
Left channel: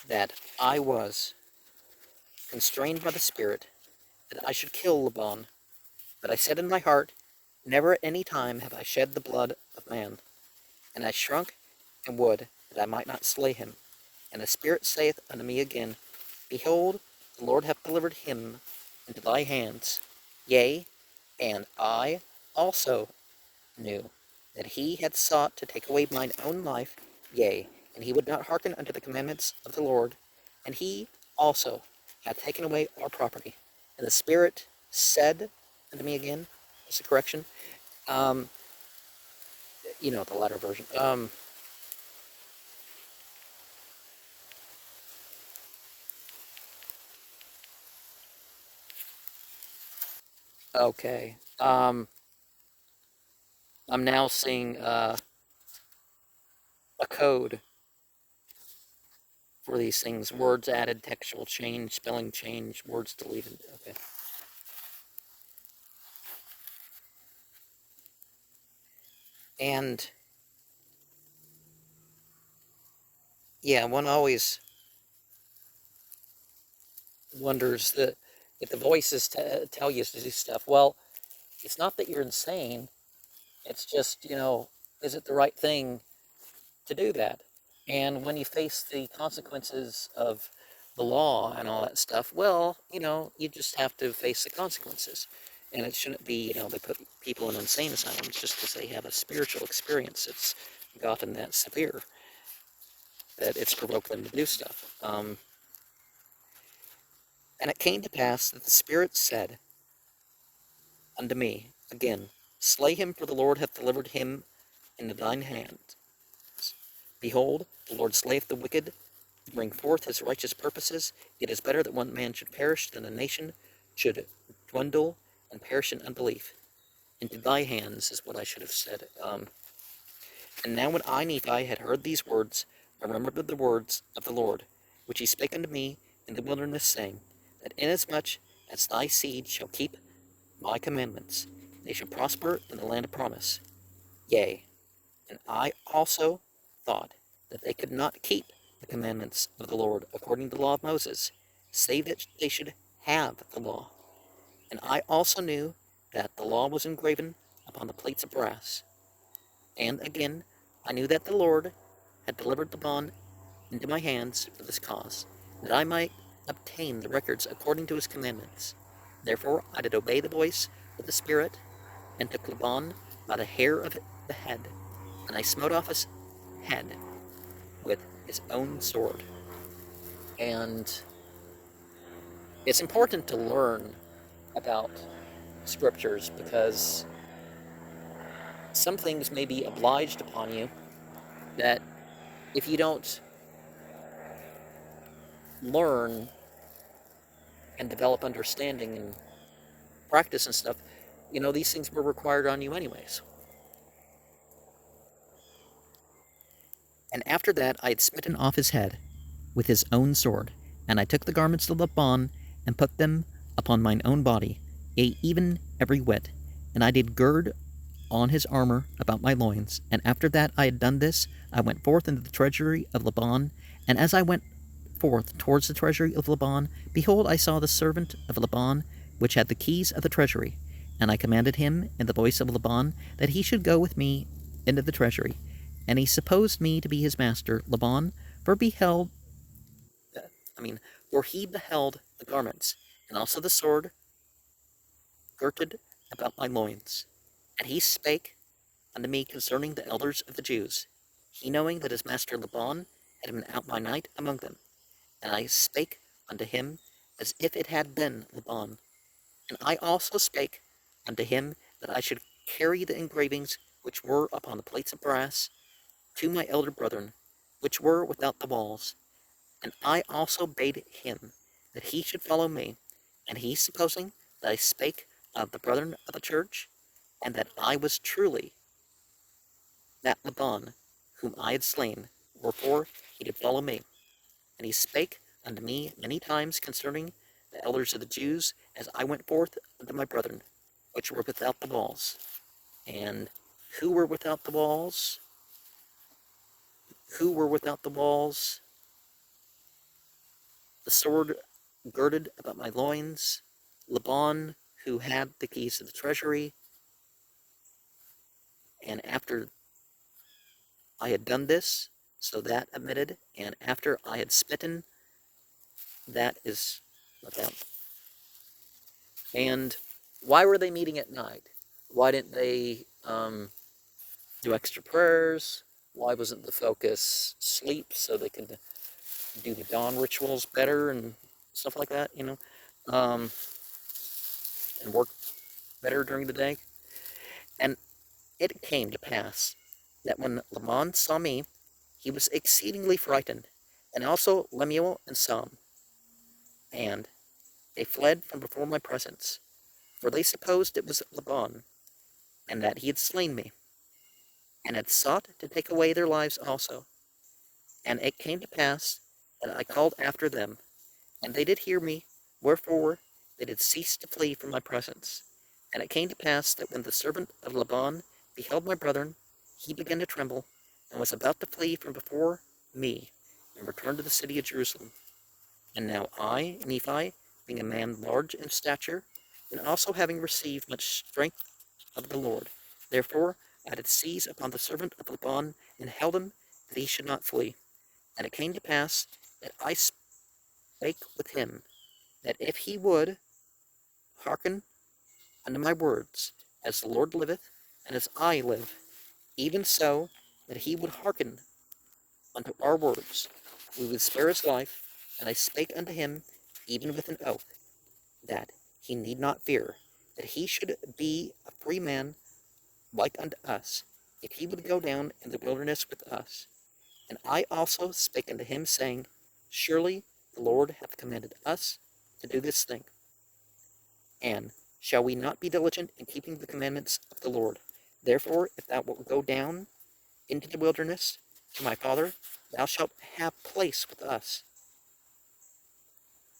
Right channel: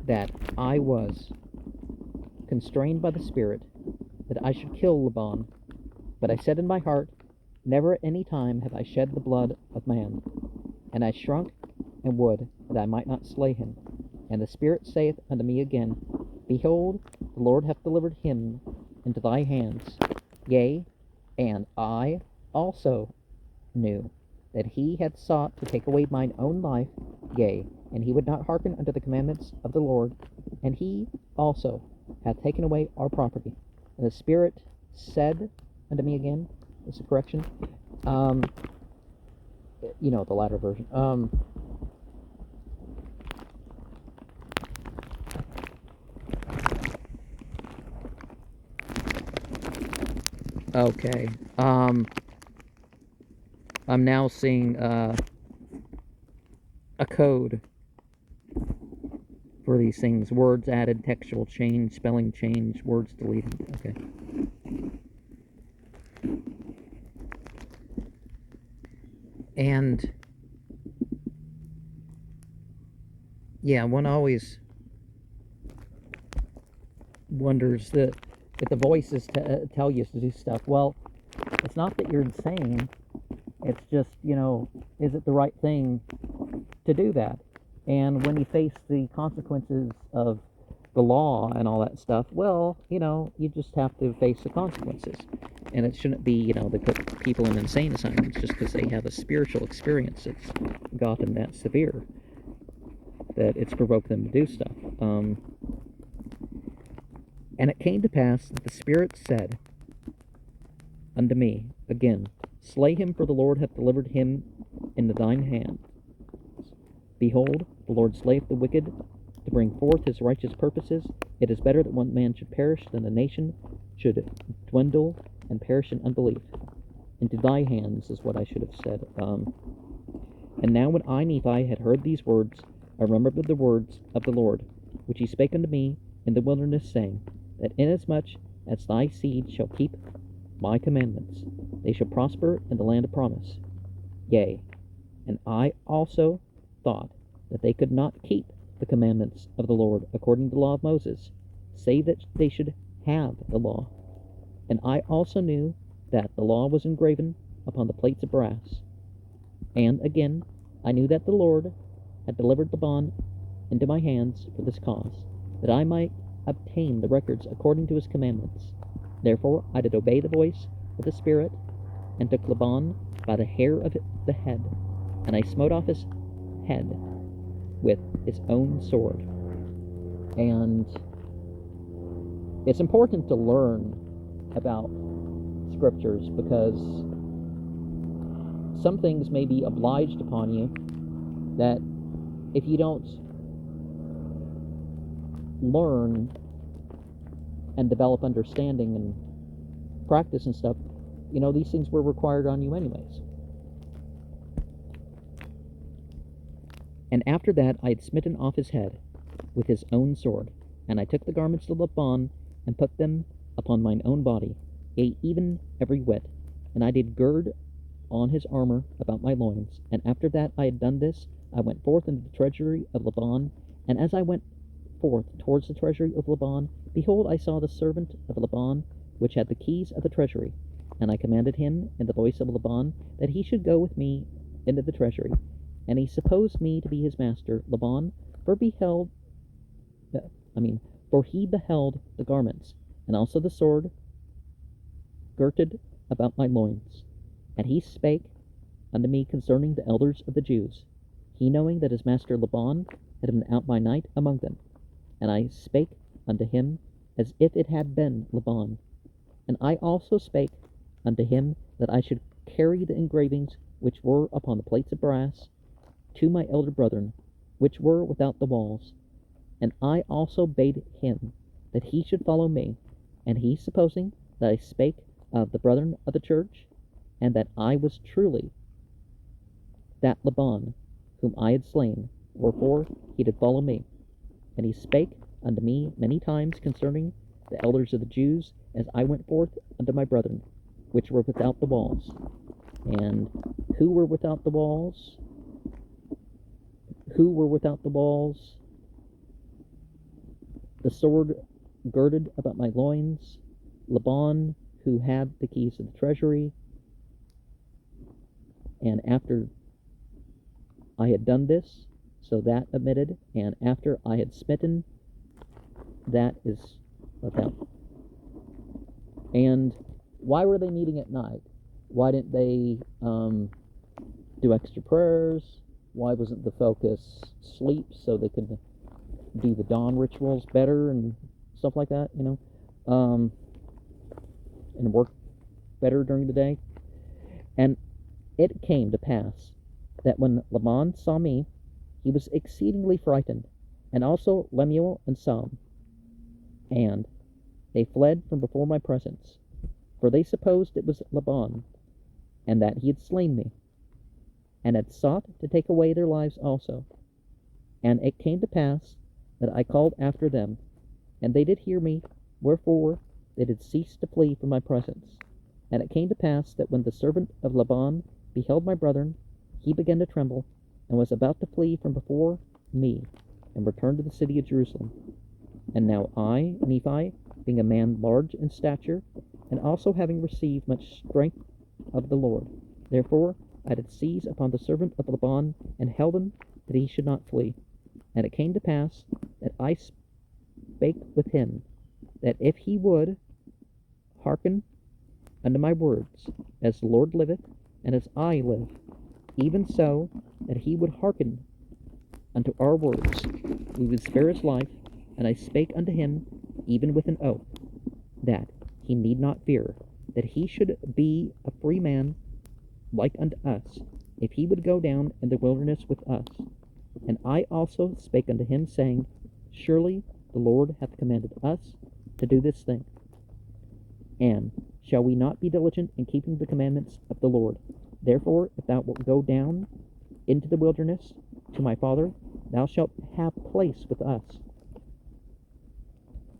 that I was constrained by the Spirit that I should kill Laban. But I said in my heart, never at any time have I shed the blood of man. And I shrunk and would that I might not slay him. And the Spirit saith unto me again, behold, the Lord hath delivered him into thy hands. Yea, and I also knew that he had sought to take away mine own life, yea, and he would not hearken unto the commandments of the Lord, and he also hath taken away our property. And the Spirit said unto me again, is the correction, the latter version, okay, I'm now seeing, a code for these things. Words added, textual change, spelling change, words deleted. Okay. And yeah, one always wonders that if the voices tell you to do stuff. Well, it's not that you're insane. It's just, is it the right thing to do that? And when you face the consequences of the law and all that stuff, well, you just have to face the consequences. And it shouldn't be, they put people in insane asylums just because they have a spiritual experience that's gotten that severe, that it's provoked them to do stuff. And it came to pass that the Spirit said unto me again, slay him, for the Lord hath delivered him into thine hand. Behold, the Lord slayeth the wicked to bring forth his righteous purposes. It is better that one man should perish than a nation should dwindle and perish in unbelief. Into thy hands is what I should have said. And now when I, Nephi, had heard these words, I remembered the words of the Lord, which he spake unto me in the wilderness, saying, that inasmuch as thy seed shall keep my commandments, they shall prosper in the land of promise. Yea, and I also thought that they could not keep the commandments of the Lord according to the law of Moses, save that they should have the law. And I also knew that the law was engraven upon the plates of brass. And again, I knew that the Lord had delivered the bond into my hands for this cause, that I might obtain the records according to his commandments. Therefore I did obey the voice of the Spirit, and took Laban by the hair of the head, and I smote off his head with his own sword. And it's important to learn about scriptures, because some things may be obliged upon you that if you don't learn and develop understanding and practice and stuff, these things were required on you anyways. And after that I had smitten off his head with his own sword, and I took the garments of Laban, and put them upon mine own body, yea, even every whit, and I did gird on his armor about my loins. And after that I had done this, I went forth into the treasury of Laban, and as I went forth towards the treasury of Laban, behold, I saw the servant of Laban, which had the keys of the treasury. And I commanded him in the voice of Laban that he should go with me into the treasury. And he supposed me to be his master, Laban, for he beheld the garments, and also the sword girded about my loins. And he spake unto me concerning the elders of the Jews, he knowing that his master Laban had been out by night among them. And I spake unto him as if it had been Laban. And I also spake unto him that I should carry the engravings which were upon the plates of brass to my elder brethren, which were without the walls. And I also bade him that he should follow me. And he, supposing that I spake of the brethren of the church, and that I was truly that Laban whom I had slain, wherefore he did follow me. And he spake unto me many times concerning the elders of the Jews, as I went forth unto my brethren, which were without the walls. And who were without the walls? Who were without the walls? The sword girded about my loins, Laban, who had the keys of the treasury. And after I had done this, so that omitted, and after I had smitten, that is okay. And why were they meeting at night? Why didn't they do extra prayers? Why wasn't the focus sleep so they could do the dawn rituals better and stuff like that, and work better during the day? And it came to pass that when Laban saw me, he was exceedingly frightened, and also Lemuel and Sam. And they fled from before my presence, for they supposed it was Laban, and that he had slain me, and had sought to take away their lives also. And it came to pass that I called after them, and they did hear me, wherefore they did cease to flee from my presence. And it came to pass that when the servant of Laban beheld my brethren, he began to tremble, and was about to flee from before me, and returned to the city of Jerusalem. And now I, Nephi, being a man large in stature, and also having received much strength of the Lord, therefore I did seize upon the servant of Laban, and held him, that he should not flee. And it came to pass that I spake with him, that if he would hearken unto my words, as the Lord liveth, and as I live, even so, that he would hearken unto our words, we would spare his life. And I spake unto him, even with an oath, that he need not fear, that he should be a free man like unto us, if he would go down in the wilderness with us. And I also spake unto him, saying, Surely the Lord hath commanded us to do this thing. And shall we not be diligent in keeping the commandments of the Lord? Therefore, if thou wilt go down into the wilderness to my father, thou shalt have place with us.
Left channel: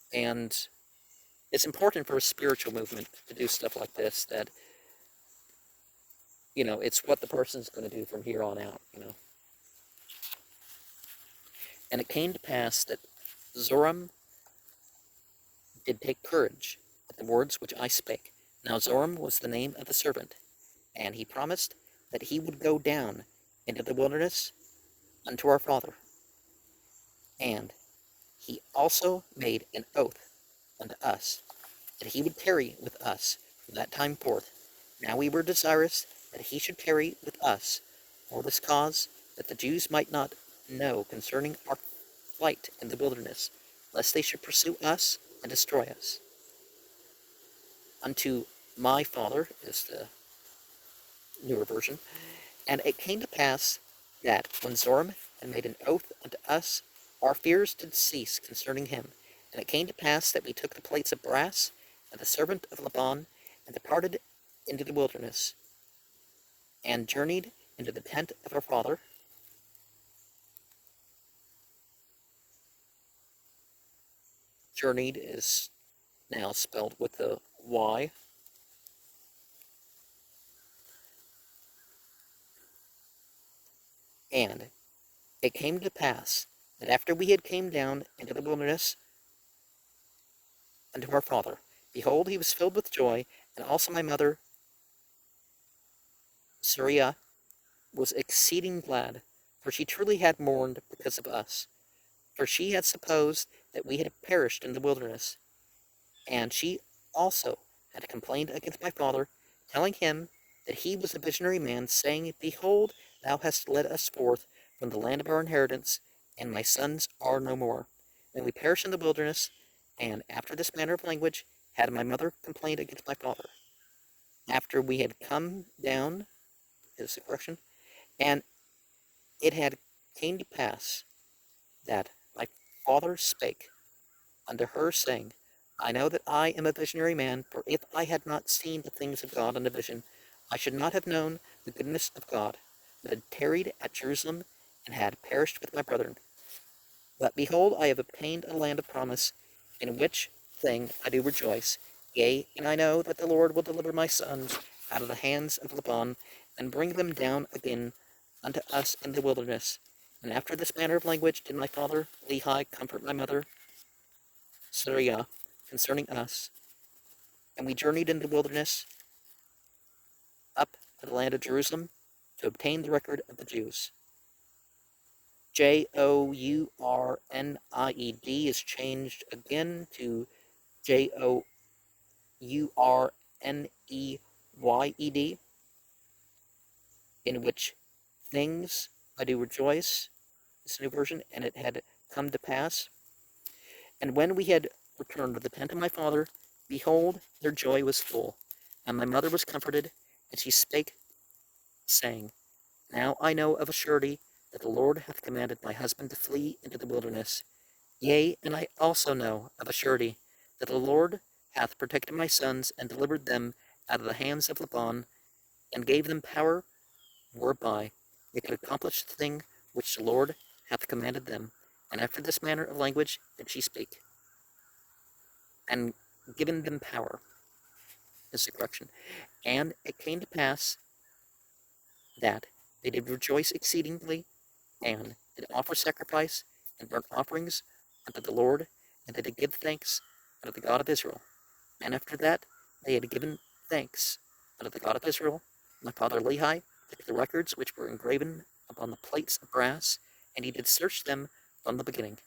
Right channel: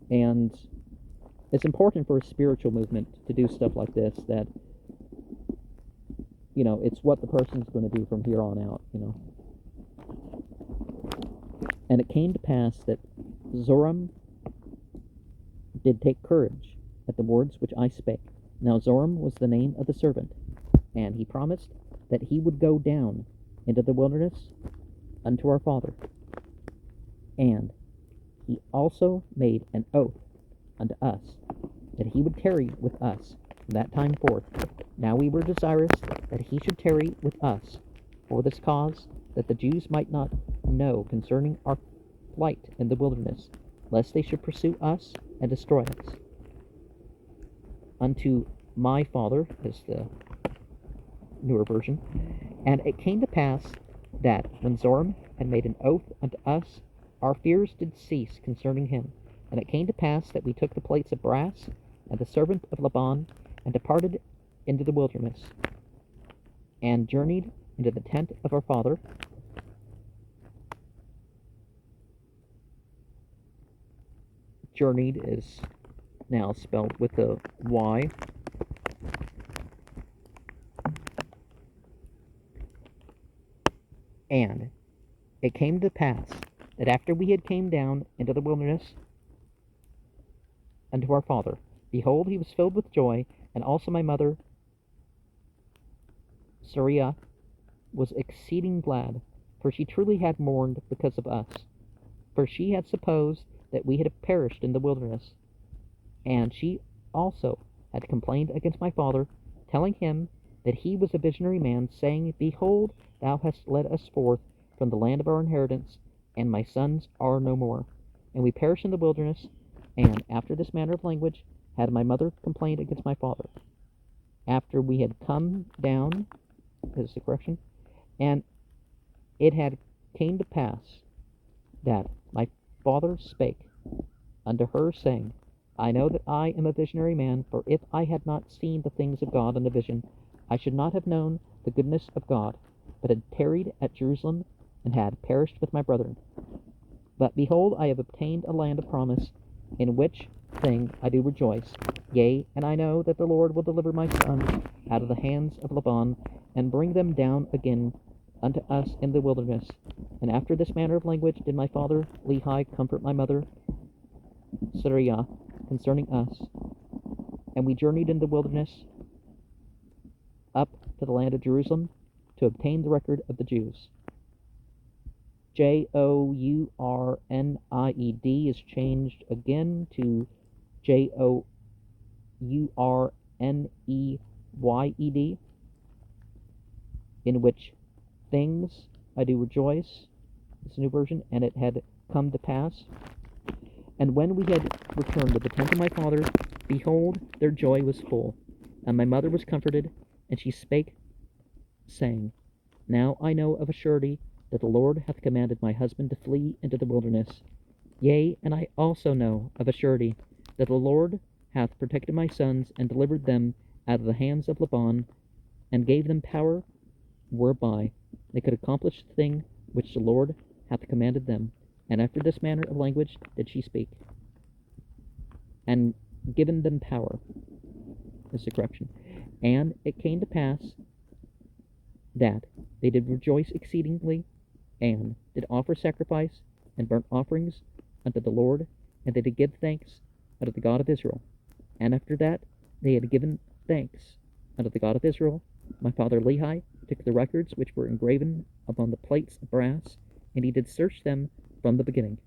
And it's important for a spiritual movement to do stuff like this, that, it's what the person's going to do from here on out, And it came to pass that Zoram did take courage at the words which I spake. Now Zoram was the name of the servant, and he promised that he would go down into the wilderness unto our father. And he also made an oath unto us, that he would tarry with us from that time forth. Now we were desirous that he should tarry with us, for this cause, that the Jews might not know concerning our flight in the wilderness, lest they should pursue us and destroy us. Unto my father, is the newer version. And it came to pass that when Zoram had made an oath unto us, our fears did cease concerning him. And it came to pass that we took the plates of brass and the servant of Laban, and departed into the wilderness, and journeyed into the tent of our father. Journeyed is now spelled with a Y. And it came to pass that after we had came down into the wilderness unto our father, behold, he was filled with joy, and also my mother Sariah was exceeding glad, for she truly had mourned because of us, for she had supposed that we had perished in the wilderness. And she also had complained against my father, telling him that he was a visionary man, saying, Behold, thou hast led us forth from the land of our inheritance, and my sons are no more. And we perish in the wilderness. And after this manner of language had my mother complained against my father. After we had come down, is a correction, and it had came to pass that my father spake unto her, saying, I know that I am a visionary man, for if I had not seen the things of God in a vision, I should not have known the goodness of God, but had tarried at Jerusalem, and had perished with my brethren. But behold, I have obtained a land of promise, in which thing I do rejoice. Yea, and I know that the Lord will deliver my sons out of the hands of Laban, and bring them down again unto us in the wilderness. And after this manner of language did my father Lehi comfort my mother Sariah concerning us. And we journeyed in the wilderness up to the land of Jerusalem to obtain the record of the Jews. Journnied is changed again to Journeyed, in which things I do rejoice. It's a new version. And it had come to pass. And when we had returned to the tent of my father, behold, their joy was full. And my mother was comforted, and she spake, saying, Now I know of a surety that the Lord hath commanded my husband to flee into the wilderness. Yea, and I also know of a surety that the Lord hath protected my sons, and delivered them out of the hands of Laban, and gave them power whereby they could accomplish the thing which the Lord hath commanded them. And after this manner of language did she speak, and given them power, is the correction. And it came to pass that they did rejoice exceedingly, and did offer sacrifice and burnt offerings unto the Lord, and they did give thanks unto the God of Israel. And after that they had given thanks unto the God of Israel, my father Lehi took the records which were engraven upon the plates of brass, and he did search them from the beginning.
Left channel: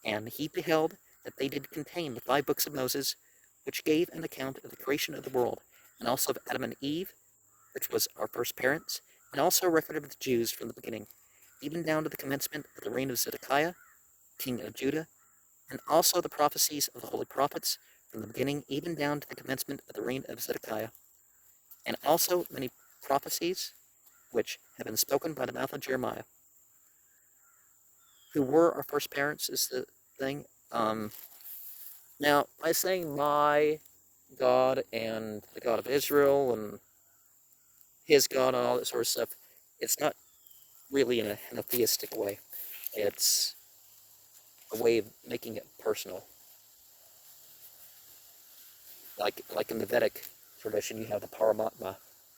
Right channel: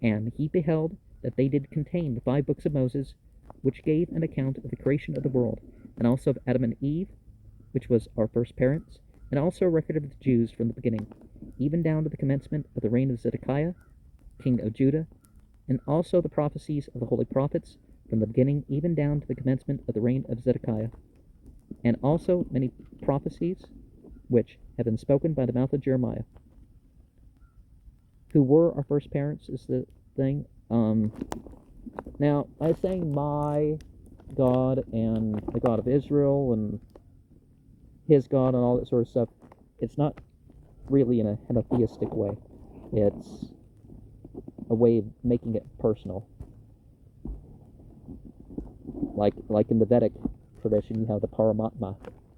And he beheld that they did contain the 5 books of Moses, which gave an account of the creation of the world, and also of Adam and Eve, which was our first parents, and also a record of the Jews from the beginning, even down to the commencement of the reign of Zedekiah, king of Judah, and also the prophecies of the holy prophets from the beginning, even down to the commencement of the reign of Zedekiah, and also many prophecies which have been spoken by the mouth of Jeremiah. Who were our first parents is the thing. Now, by saying my God and the God of Israel and his God and all that sort of stuff, it's not really in a henotheistic way. It's a way of making it personal. Like in the Vedic tradition, you have the Paramatma,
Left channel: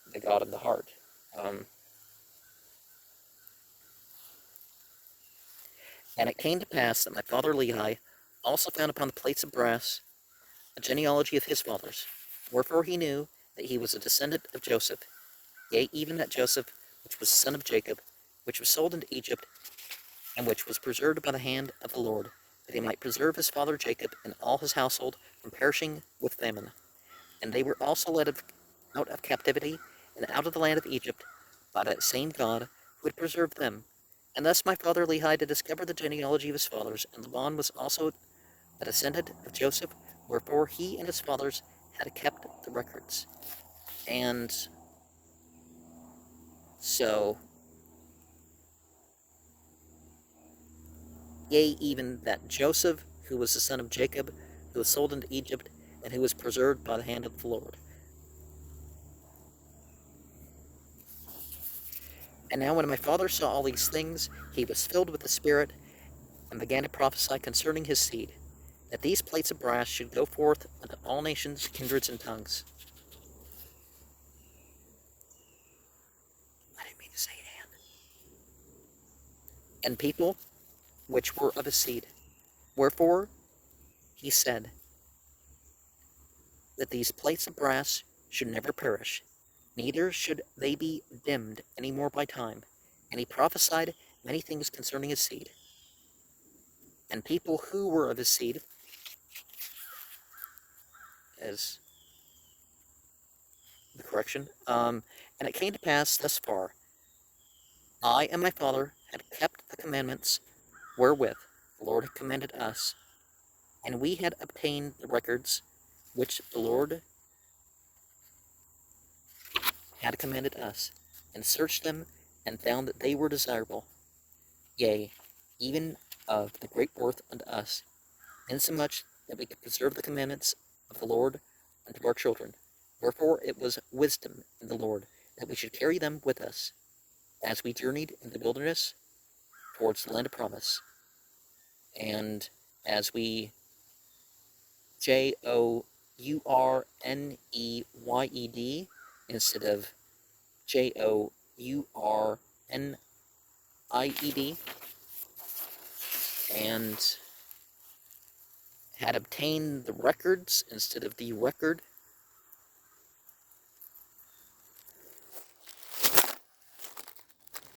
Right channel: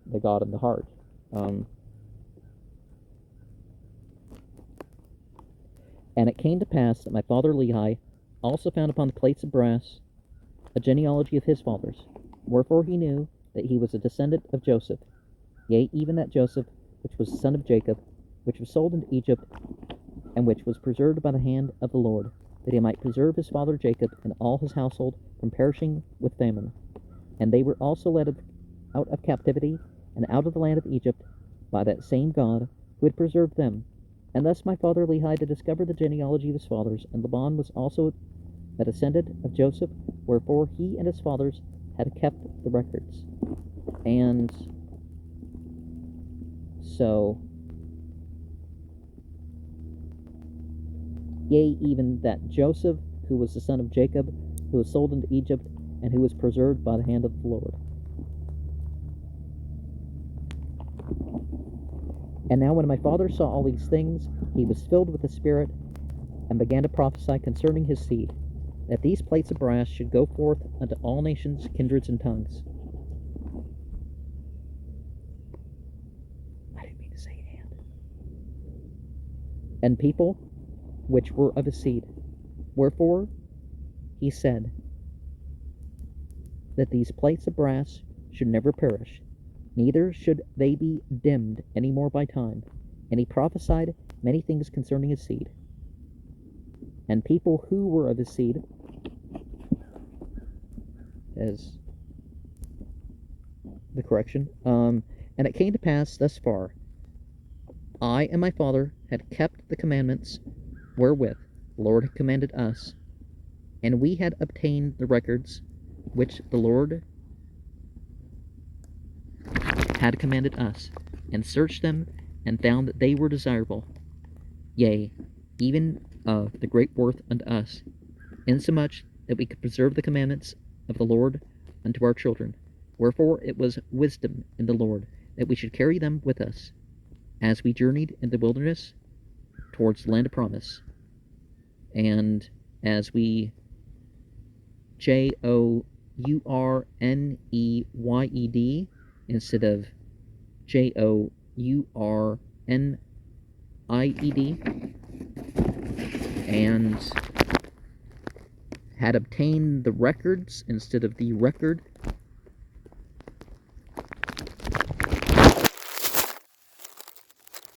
the God in the heart. And it came to pass that my father Lehi also found upon the plates of brass a genealogy of his fathers, wherefore he knew that he was a descendant of Joseph, yea, even that Joseph, which was the son of Jacob, which was sold into Egypt, and which was preserved by the hand of the Lord, that he might preserve his father Jacob and all his household from perishing with famine. And they were also led out of captivity and out of the land of Egypt by that same God who had preserved them. And thus my father Lehi did discover the genealogy of his fathers, and Laban was also a descendant of Joseph, wherefore he and his fathers had kept the records. And so, yea, even that Joseph, who was the son of Jacob, who was sold into Egypt, and who was preserved by the hand of the Lord. And now when my father saw all these things, he was filled with the Spirit, and began to prophesy concerning his seed, that these plates of brass should go forth unto all nations, kindreds, and tongues. I didn't mean to say and people which were of his seed. Wherefore he said that these plates of brass should never perish, neither should they be dimmed any more by time. And he prophesied many things concerning his seed. And people who were of his seed, as the correction, and it came to pass thus far, I and my father had kept the commandments wherewith the Lord had commanded us, and we had obtained the records which the Lord had commanded us, and searched them, and found that they were desirable, yea, even of the great worth unto us, insomuch that we could preserve the commandments of the Lord unto our children. Wherefore it was wisdom in the Lord that we should carry them with us, as we journeyed in the wilderness towards the land of promise, and as we Journeyed instead of Journid, and had obtained the records instead of the record,